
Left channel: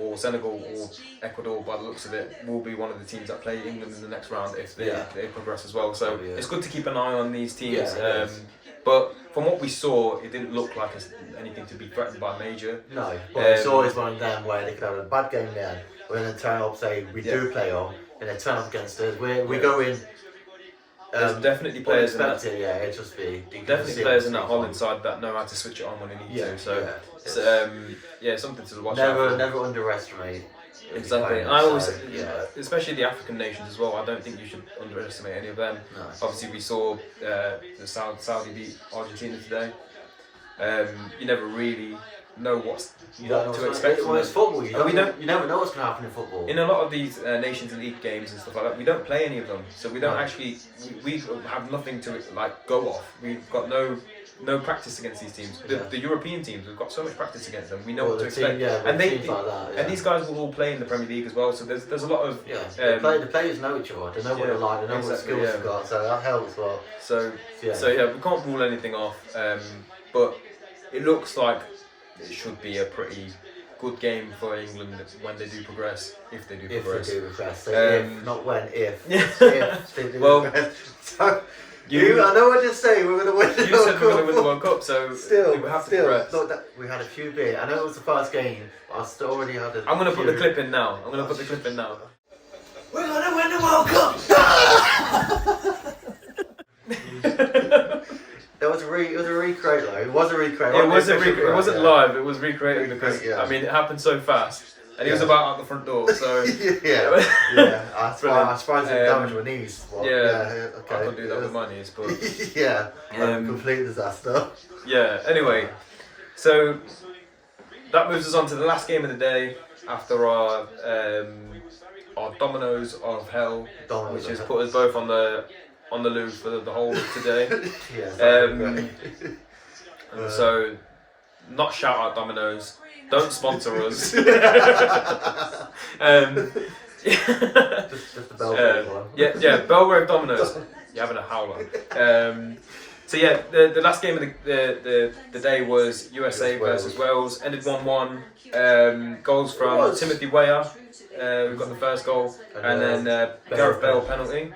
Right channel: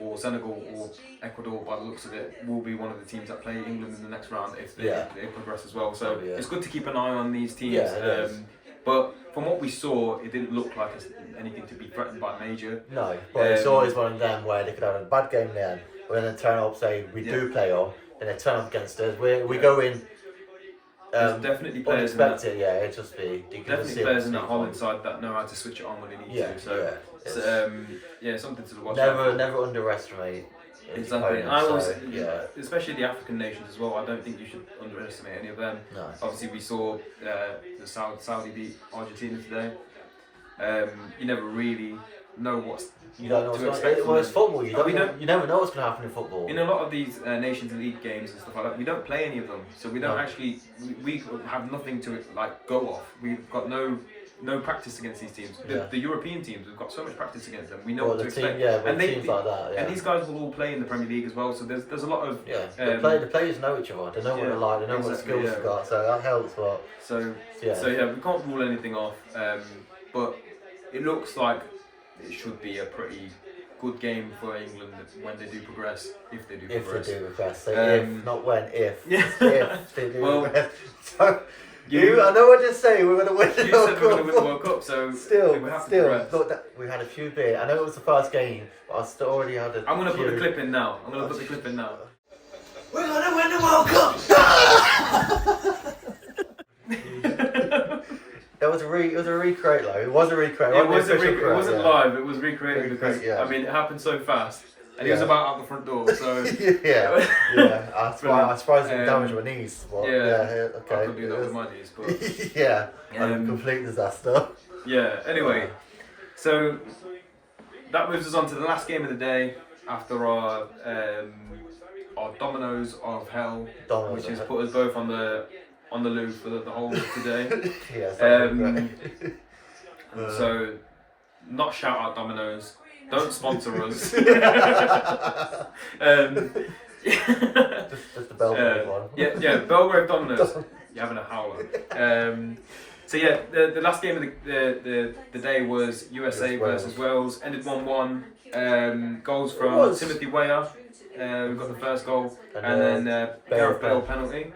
or Senegal or Ecuador, by the looks of it, will be one of the teams that play England in the next round if they progress as well. So it's good to keep an eye on these teams. But from what we saw, it didn't look like anything to be threatened by major. No, but it's always one of them where they could have a bad game then, but then they turn up, say we do play on, and they turn up against us. We go in. There's definitely players in that. It'd just be definitely players in that Holland side that know how to switch it on when they need to. So it's something to watch. Never underestimate. Exactly. I always, especially the African nations as well. I don't think you should underestimate any of them. No. Obviously, we saw the Saudi beat Argentina today. You never really know what to expect. Well, it's football. You never know what's going to happen in football. In a lot of these Nations League games and stuff like that, we don't play any of them, so we don't actually. We have nothing to go off. We've got no practice against these teams. The European teams, we've got so much practice against them. We know what to expect. Teams like that. And these guys will all play in the Premier League as well. So there's a lot of the players know each other. They know what they're like. They know what skills they've got. So that helps. But so we can't rule anything off. But it looks like it should be a pretty good game for England when they do progress, if they do progress. If they do progress, so if, not when, if they do progress. So, I know what to say. We're going to win the World Cup. We're going to win the World Cup, so still, we have to look, we had a few beers. I know it was the first game, but I still already had a. I'm going to put the clip in now. We're going to win the World Cup. It was a recreate though. It was a recreate. It wasn't live. It was recreated because I mean it happened so fast, and he was about out the front door. So yeah. I suppose it damaged my knees. But, okay. I could do that with my knees, but yeah, a complete disaster. Yeah. Anyway, so that moves us on to the last game of the day after our dominoes of hell, which has put us both on the loose for the whole of today. So, not shout out Domino's. Don't sponsor us. Just the Belgrave one. Yeah, Belgrave Domino's. You're having a howler. So yeah, the last game of the day was USA versus Wales. Ended 1-1. Goals from Timothy Weah. We got the first goal, and then Gareth Bale penalty.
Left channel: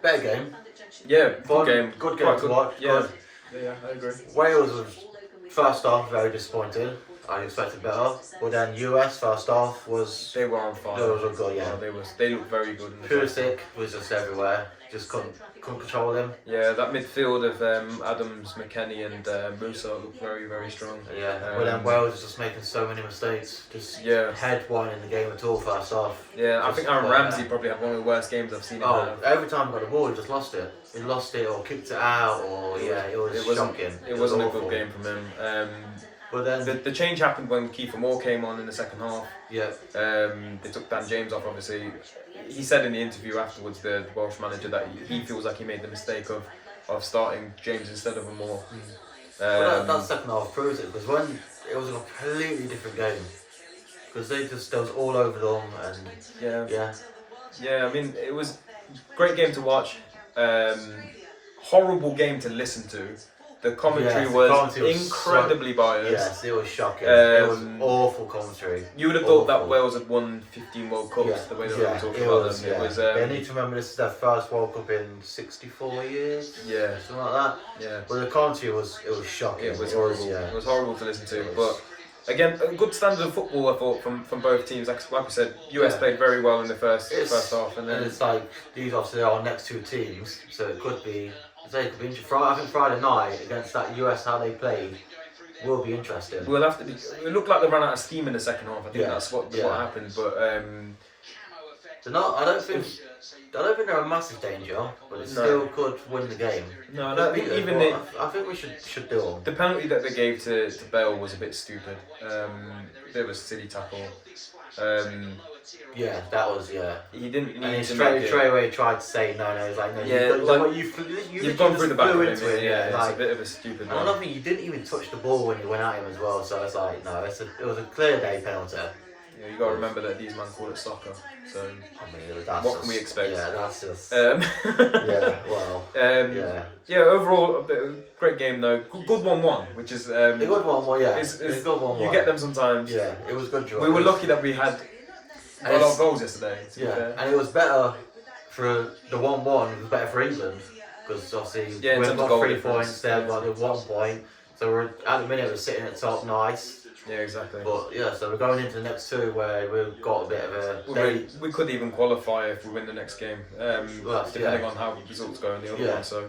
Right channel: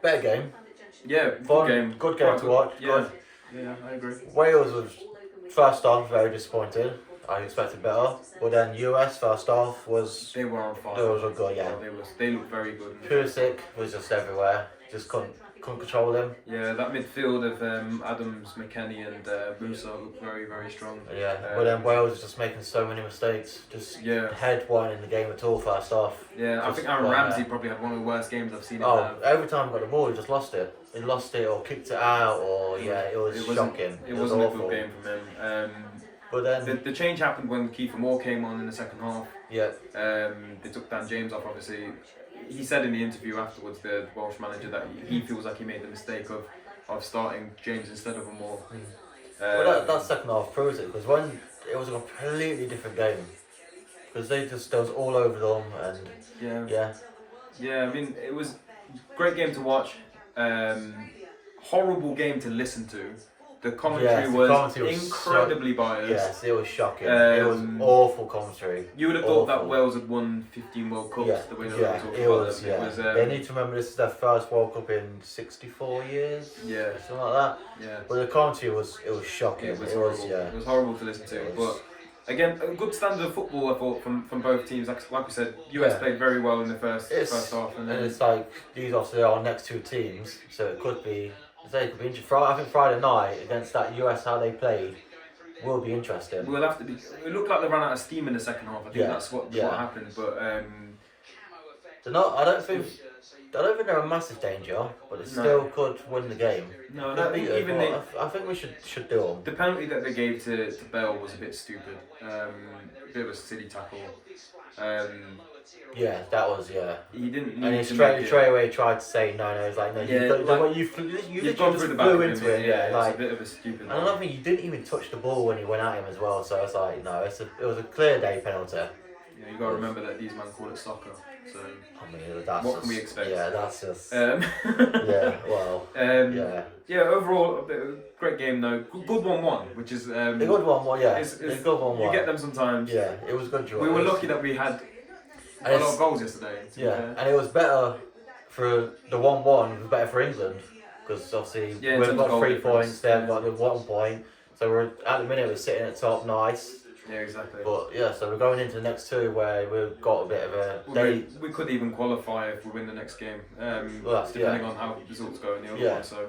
Better game. Yeah, good game to watch. Yeah, I agree. Wales was first half very disappointed. I expected better, but then US first half was. They were on fire. They was good, yeah. They looked very good. Pulisic was just everywhere. Just couldn't control him. Yeah, that midfield of Adams, McKennie, and Musa looked very, very strong. Yeah, but then Wales was just making so many mistakes. Just head one in the game at all first half. Yeah, I think Aaron Ramsey probably had one of the worst games I've seen. Every time he got the ball, he just lost it. He lost it or kicked it out, or it was shocking. It wasn't a good game from him. But then the change happened when Kiefer Moore came on in the second half. Yeah. They took Dan James off, obviously. He said in the interview afterwards, the Welsh manager, that he feels like he made the mistake of starting James instead of Moore. Well, that second half proves it, because when it was a completely different game, because they was all over them, and yeah. I mean, it was a great game to watch. Horrible game to listen to. The commentary was incredibly biased. Yes, it was shocking. It was awful commentary. You would have thought that Wales had won 15 World Cups the way they were talking about them. It was, they need to remember this is their first World Cup in 64 years. Yeah. Something like that. Yeah. But the commentary was shocking. It was horrible. It was horrible to listen to. But again, a good standard of football, I thought, from both teams. Like we said, US played very well in the first half, and then it's like these obviously are our next two teams, so it could be. I think Friday night against that US, how they played, will be interesting. We'll have to. It looked like they ran out of steam in the second half. I think that's what happened. But they're not. I don't think they're a massive danger, but they still could win the game. No, I think even I think we should do them. The penalty that they gave to Bale was a bit stupid. A bit of a silly tackle. Yeah, that was He didn't. And he straight away tried to say no. It's like no. You've gone through the back flew into it. Yeah, like, it's a bit of a stupid. And I don't think he didn't even touch the ball when he went at him as well. So it's like no, it was a clear day penalty. Yeah, you got to remember that these men call it soccer. So I mean, that's what can we expect? Yeah, that's just. Yeah. Overall, a great game though. Good 1-1, which is a good 1-1. Yeah, it's a good 1-1. You get them sometimes. Yeah, it was good draw. We were lucky that we had a lot of goals yesterday. And it was better for the 1-1. It was better for England because obviously we've got 3 points. They've got the 1 point. So we're at the minute we're sitting at top, nice. Yeah, exactly. But so we're going into the next two where we've got a bit of a. We could even qualify if we win the next game, depending on how results go in the other one. So,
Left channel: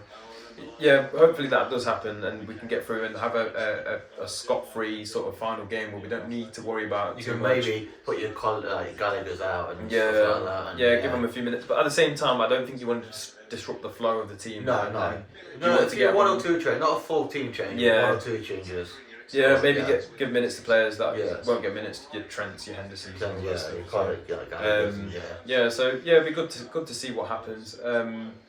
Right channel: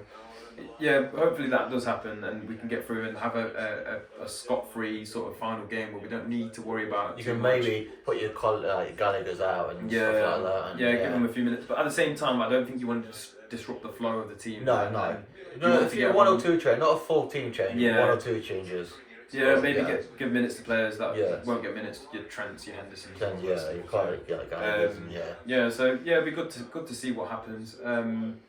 hopefully that does happen and we can get through and have a scot-free sort of final game where we don't need to worry about. You can maybe put your Gallagher's out and stuff like that. And give them a few minutes. But at the same time, I don't think you want to disrupt the flow of the team. No. If you get 1 or 2 change, not a full team change. 1 or 2 changes. Yeah, maybe give minutes to players that won't get minutes. Your Trents, your Hendersons. You can't get Gallagher's. So it'd be good to see what happens. I mean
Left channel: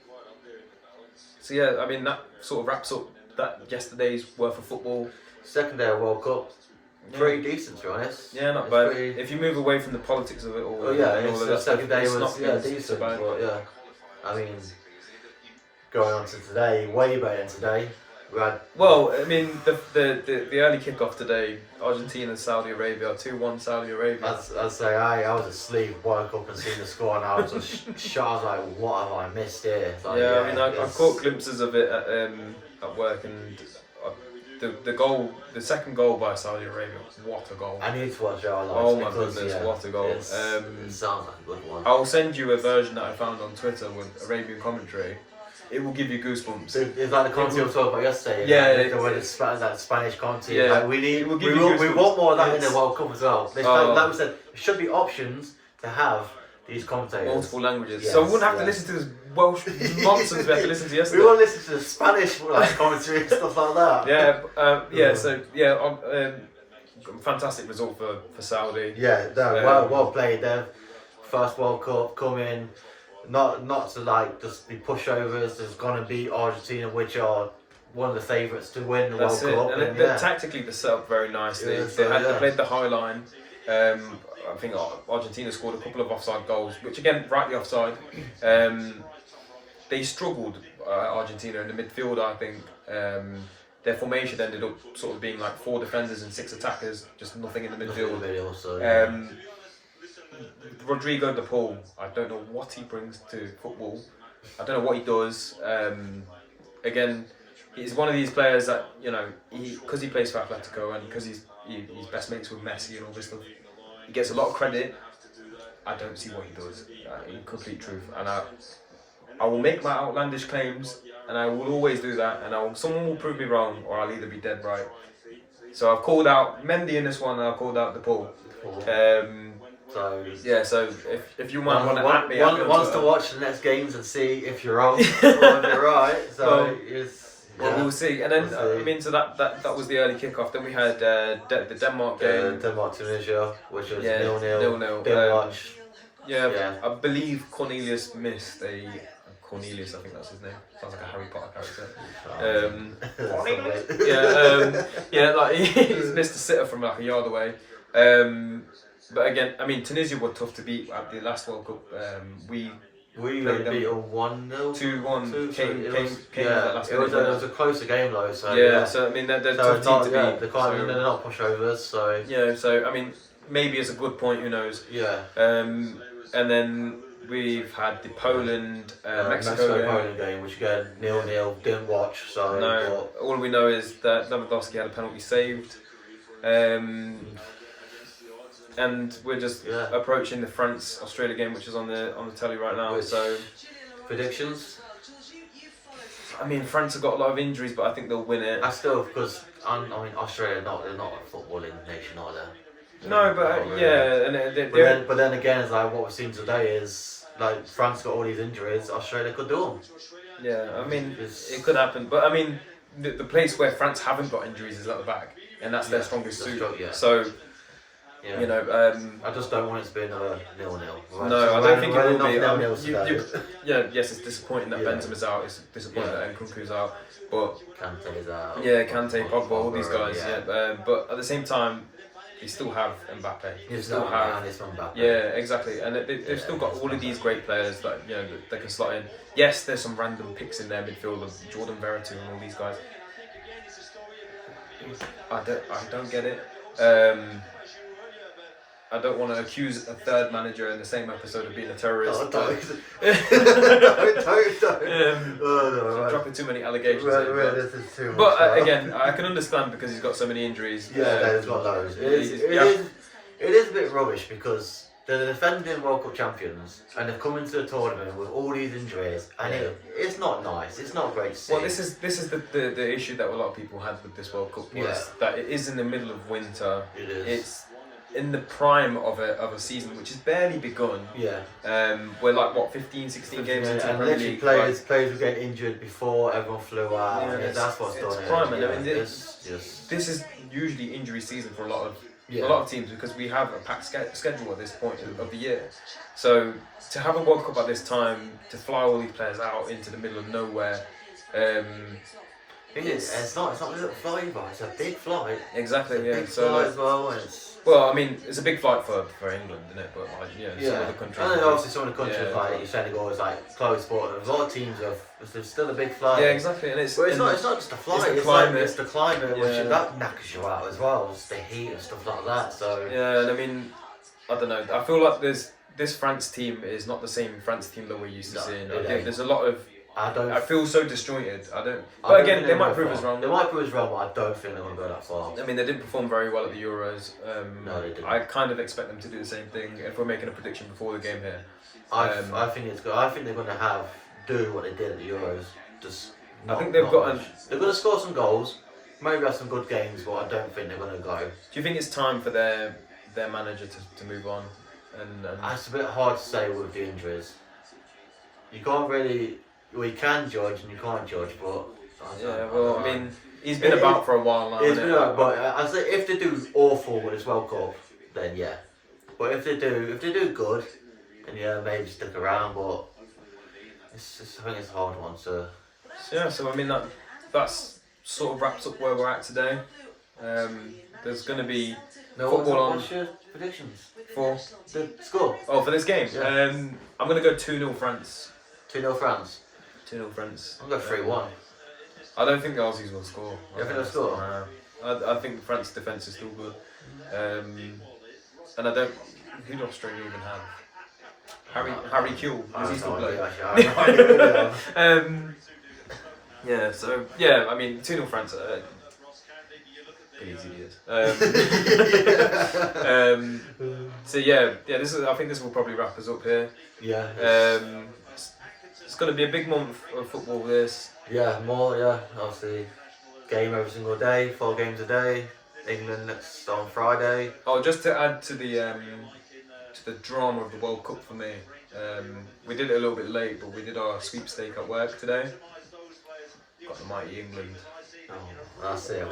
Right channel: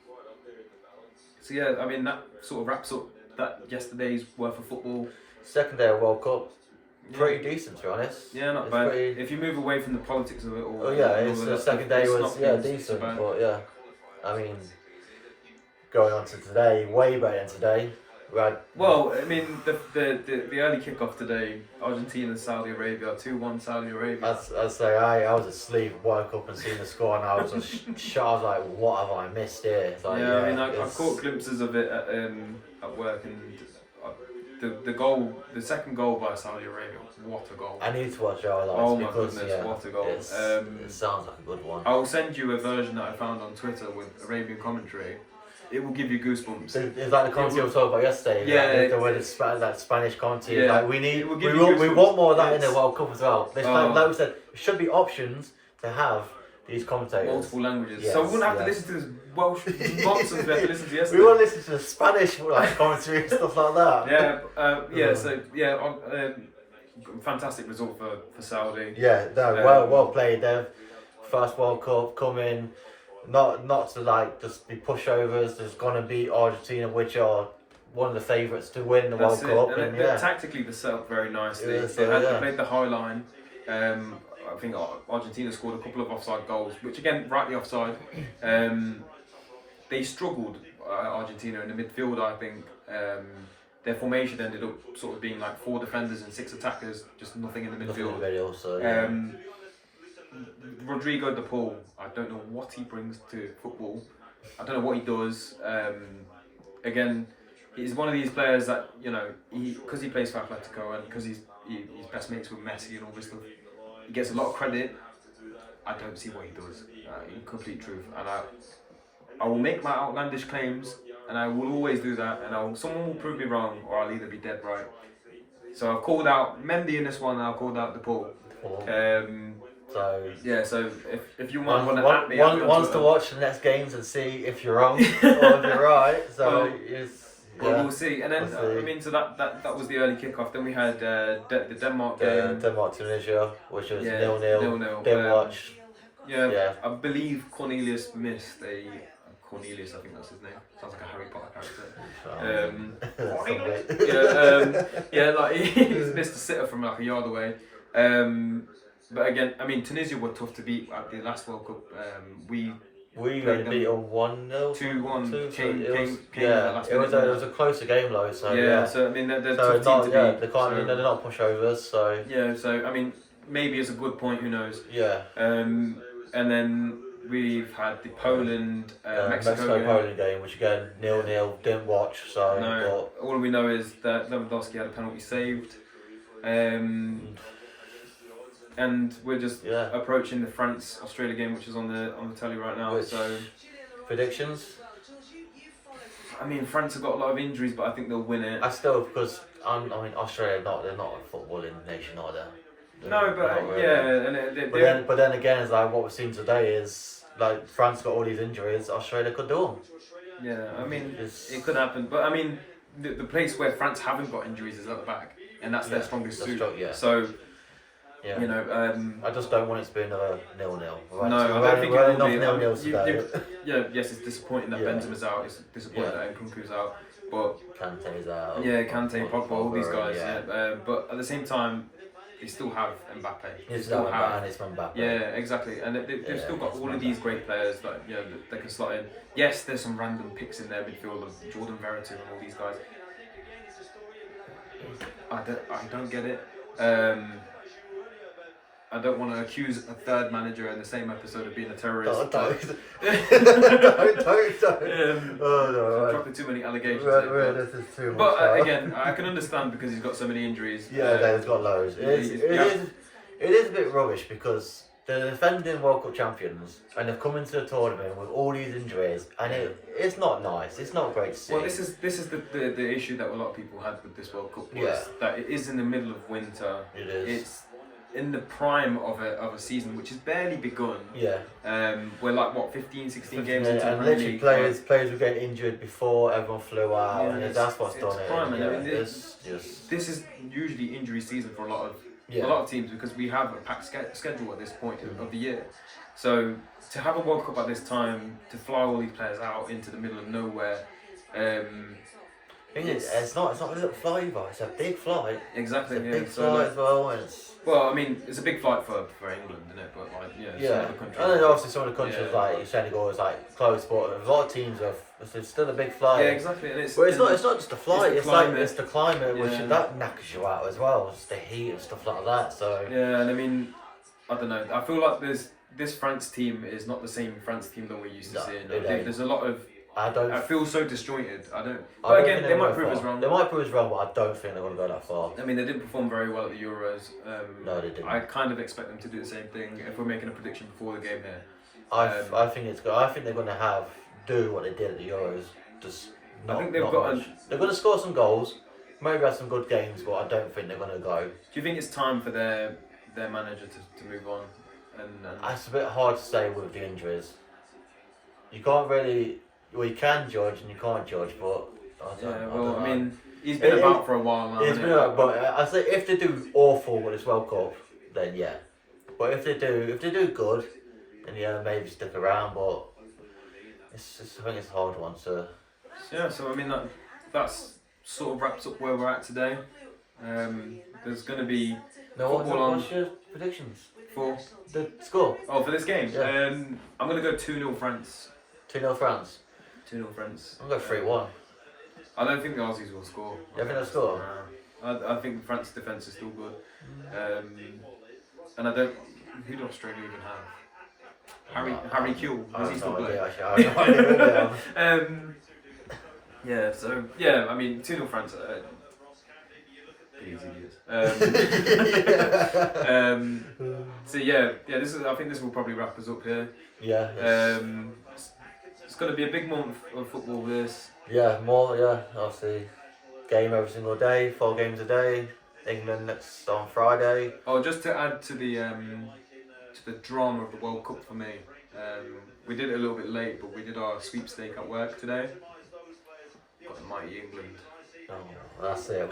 that sort of wraps up that yesterday's worth of football. Second day of World Cup, pretty decent to be honest. Yeah, not bad. If you move away from the politics of it all. The second day was decent, but I mean, going on to today, way better than today. Well, I mean, the early kickoff today, Argentina, Saudi Arabia, 2-1 Saudi Arabia. I'd say I was asleep, woke up and seen the score, and I was just shocked. I was like, what have I missed here? Like, I mean, I caught glimpses of it at work, and the second goal by Saudi Arabia, what a goal! I need to watch our Oh my goodness, what a goal! It sounds like a good one. I'll send you a version that I found on Twitter with Arabian commentary. It will give you goosebumps. It's like the commentary we were talking about yesterday. That Spanish commentary. Yeah. Like we want more of that in the World Cup as well. Like we said, there should be options to have these commentators. Multiple languages. Yes, so we wouldn't have to listen to this Welsh nonsense we had to listen to yesterday. We want to listen to the Spanish commentary and stuff like that. Fantastic result for Saudi. Yeah, well played. Their first World Cup coming. Not to just be pushovers. There's gonna be Argentina, which are one of the favourites to win the World Cup. And tactically, they're set up very nicely. They played the high line. I think Argentina scored a couple of offside goals, which again, rightly offside. They struggled, Argentina, in the midfield. I think their formation ended up sort of being like 4 defenders and 6 attackers, just nothing in the midfield. Rodrigo de Paul, I don't know what he brings to football. I don't know what he does. Again, he's one of these players that, because he plays for Atletico and because he's best mates with Messi and all this stuff, he gets a lot of credit. I don't see what he does, in complete truth. And I will make my outlandish claims, and I will always do that, and someone will prove me wrong, or I'll either be dead right. So I've called out Mendy in this one, and I've called out de Paul. So if you want to at me, wants to watch the next games and see if you're wrong or if you're right. So we'll see. And then so that was the early kickoff. Then we had the Denmark game. Denmark Tunisia, which was 0-0. Didn't watch. Yeah, I believe Cornelius missed a. Cornelius, I think that's his name. Sounds like a Harry Potter character. He's missed a sitter from a yard away. But again, I mean, Tunisia were tough to beat at the last World Cup. We beat them 1-0, 2-1. It was a closer game though. So so I mean, they're tough team to beat. They're not pushovers. So so I mean, maybe it's a good point. Who knows? Yeah. And then we've had the Poland Mexico-Poland game, which again 0-0. Didn't watch. So no. All we know is that Lewandowski had a penalty saved. And we're just approaching the France-Australia game, which is on the telly right now. So predictions? I mean, France have got a lot of injuries, but I think they'll win it. Because Australia they're not a footballing nation, are they? No, but but then again, it's like what we've seen today is like France got all these injuries. Australia could do them. Yeah, I mean, it could happen, but I mean, the place where France haven't got injuries is at the back, and that's their strongest suit. So. Yeah. I just don't want it to be another 0-0. No, I don't think it will be. 0-0 today. Yes, it's disappointing that Benzema's out. It's disappointing that Nkunku's out. But Kante's out. Yeah, Kante, Pogba, all these guys. But at the same time, you still have Mbappe. You still have Mbappe. Yeah, exactly. And they've still got all of these great players that they can slot in. Yes, there's some random picks in their midfield of Jordan Verretou and all these guys. I don't get it. I don't want to accuse a third manager in the same episode of being a terrorist. Don't. Dropping too many allegations. This is too much. But again, I can understand because he's got so many injuries. He's got loads. It is a bit rubbish because they're defending World Cup champions and they've come into the tournament with all these injuries, and it's not nice. It's not great to see. Well, this is the issue that a lot of people had with this World Cup was that it is in the middle of winter. It is. It's in the prime of a season which has barely begun. We're like 15, 16 games into and literally players were getting injured before everyone flew out. And that's what's done it. Prime, this is usually injury season for a lot of teams because we have a packed schedule at this point of the year. So to have a World Cup at this time, to fly all these players out into the middle of nowhere. It's not a little flight either. It's a big flight. Exactly. It's a big flight as well. Well, I mean, it's a big fight for England, isn't it? But some other countries. And then obviously some of the countries like Senegal is like close, but a lot of teams have It's still a big flight. Yeah, exactly. And it's not just the flight. It's the climate, which that knackers you out as well. It's the heat and stuff like that. So yeah, and I mean, I don't know. I feel like this France team is not the same France team that we're used to seeing. I think there's a lot of. I feel so disjointed. But again, they might prove us wrong. They might prove us wrong, but I don't think they're going to go that far. I mean, they didn't perform very well at the Euros. No, they didn't. I kind of expect them to do the same thing if we're making a prediction before the game here. I think it's good. I think they're going to do what they did at the Euros. I think they've got. They're going to score some goals. Maybe have some good games, but I don't think they're going to go. Do you think it's time for their manager to move on? And it's a bit hard to say with the injuries. You can't really. Well, you can judge and you can't judge, but I mean, he's been about for a while now. He's been about, but I say if they do awful with this World Cup, then yeah. But if they do good, then yeah, maybe stick around. But I think it's a hard one to. Yeah, so I mean that's sort of wraps up where we're at today. There's going to be football on. What's your predictions for the score? Oh, for this game, yeah. I'm going to go 2-0 France. 2-0 France. 2-0 France. I'm going to go 3-1. I don't think the Aussies will score. You think they'll score? I think France defence is still good. And I don't. Who do Australia even have? Harry Kewell. Does he still play? Yeah. So yeah, I mean 2-0 France. Easy So yeah. I think this will probably wrap us up here. Yeah. It's going to be a big month of football. This. Yeah, more. Yeah, obviously, game every single day, 4 games a day. England next on Friday. Oh, just to add to the drama of the World Cup for me, we did it a little bit late, but we did our sweepstake at work today. Got the mighty England. Oh, that's it.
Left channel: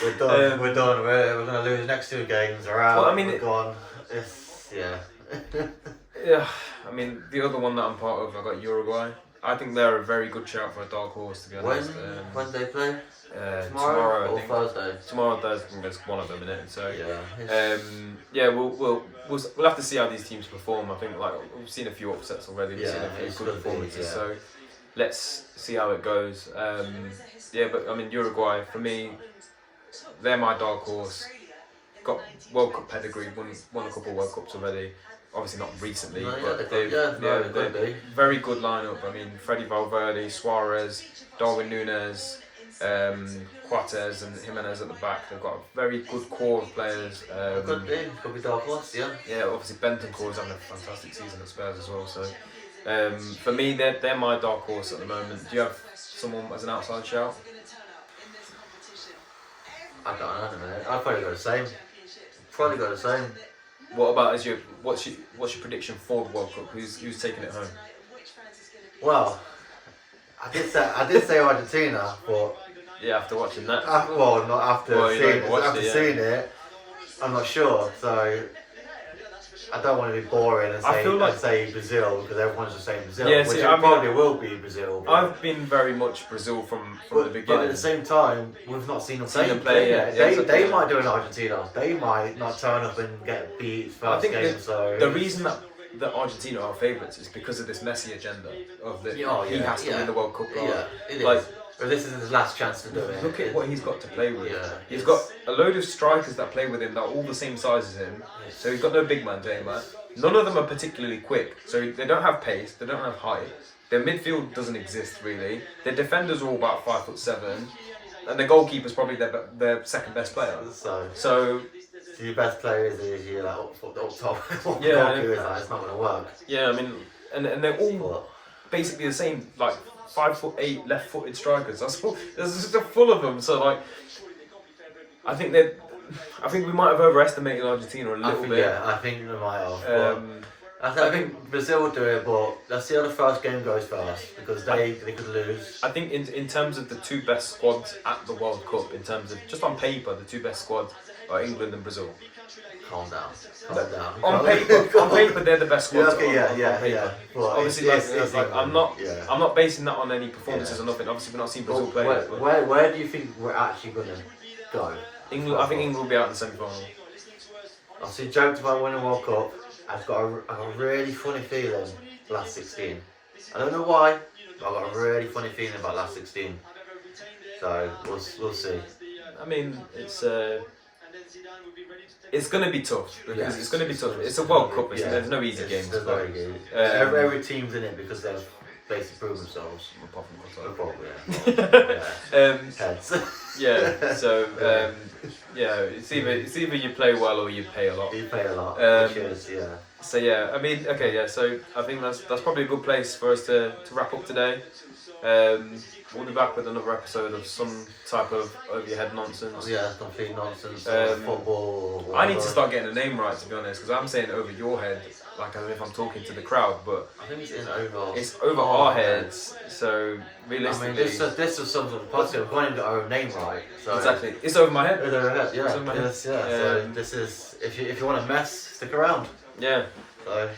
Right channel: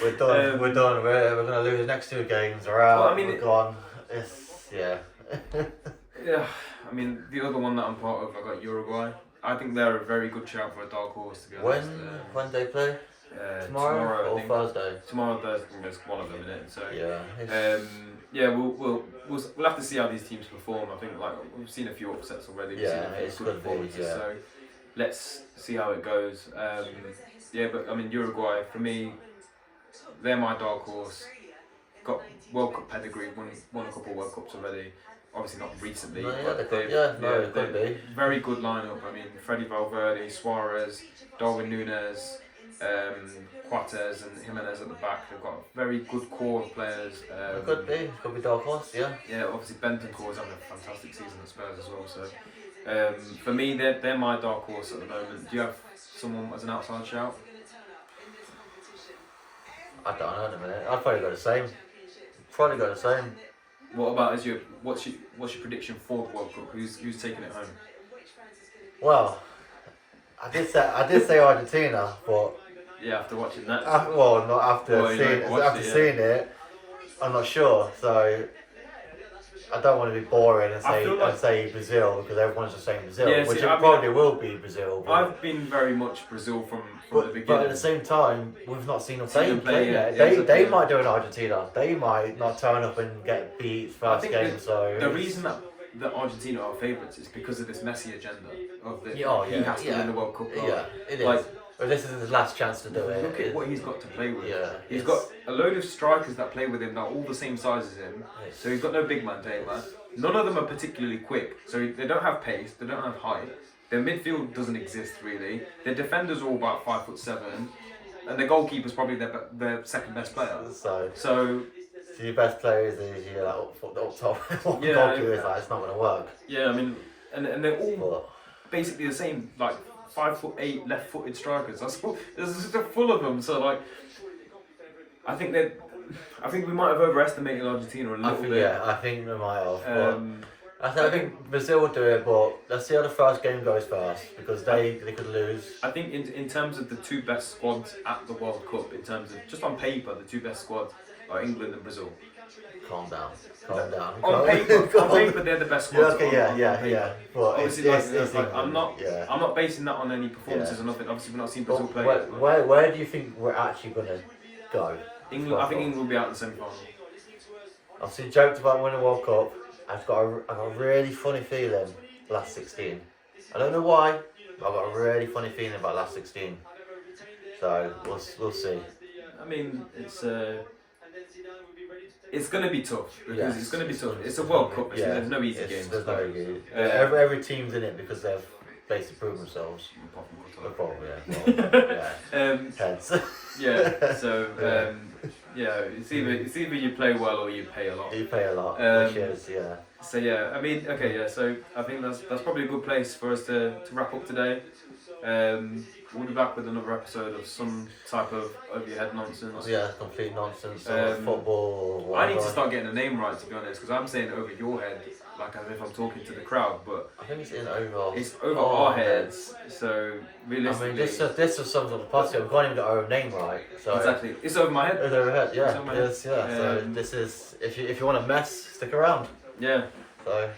We're done. We're done. We're going to lose the next 2 games. We're out. Well, I mean, we're gone. Yeah. Yeah. I mean, the other one that I'm part of, I got Uruguay. I think they're a very good shout for a dark horse, to be honest. When do they play? Tomorrow or Thursday? Tomorrow, Thursday. There's one of them in it. So yeah. We'll have to see how these teams perform. I think we've seen a few upsets already. It's good performances. So let's see how it goes. But I mean Uruguay for me, they're my dark horse. Got World Cup pedigree, won a couple of World Cups already. Obviously not recently, but they're very good lineup. I mean, Freddy Valverde, Suarez, Darwin Núñez, Coates and Jimenez at the back. They've got a very good core of players. Could be dark horse, yeah. Yeah, obviously Bentancur is having a fantastic season at Spurs as well. So for me, they're my dark horse at the moment. Do you have someone as an outside shout? I don't know in a minute. I'd probably go the same. What about what's your prediction for the World Cup? Who's taking it home? Well, I did say Argentina, but yeah, after watching that. Not after seeing it, I'm not sure. So I don't want to be boring and say Brazil because everyone's just saying Brazil, which probably will be Brazil. I've been very much Brazil from the beginning. But at the same time, we've not seen them play yet. They might do in Argentina. They might not turn up and get beat first game. So the reason that Argentina are favourites is because of this Messi agenda of he has to win the World Cup. Yeah, it is. But this is his last chance to do it. Look at what he's got to play with. Yeah, he's got a load of strikers that play with him that are all the same size as him. So he's got no big man playing that. None of them are particularly quick. So they don't have pace. They don't have height. Their midfield doesn't exist really. Their defenders are all about 5'7", and their goalkeeper's probably their second best player. So your best player is your up top. Goalkeeper is it's not going to work. Yeah, I mean, and they're all basically the same, 5'8" left-footed strikers. There's just full of them. So I think we might have overestimated Argentina a little bit. Yeah, I think we might have. I think Brazil will do it, but let's see how the first game goes first because they could lose. I think in terms of the 2 best squads at the World Cup, in terms of just on paper, the 2 best squads are England and Brazil. Calm down. On paper, they're the best squads. Yeah. But obviously, I'm not basing that on any performances or nothing. Obviously, we're not seeing Brazil play. Where do you think we're actually going to go? England. I think England will be out in the semi-final. I've seen jokes about winning the World Cup. I've got a really funny feeling last 16. I don't know why, I've got a really funny feeling about last 16. So we'll see. I mean, it's going to be tough because it's going to be tough. It's a World Cup. There's no easy games. There's no easy. Every team's in it because they've basically proven themselves. Probably, yeah. Heads. Yeah. So it's either you play well or you pay a lot. You pay a lot, which is So I mean, okay, So I think that's probably a good place for us to wrap up today. We'll be back with another episode of some type of over your head nonsense. Yeah, complete nonsense. Football. Or I need to start getting the name right, to be honest, because I'm saying over your head, like as if I'm talking to the crowd, but I think it's in over. It's over our heads. So realistically, I mean, this is some sort of podcast. We can't even get our own name right. So exactly, it's over my head. It's over head. Yeah. It's over my head. So this is if you want to mess, stick around. Yeah. So.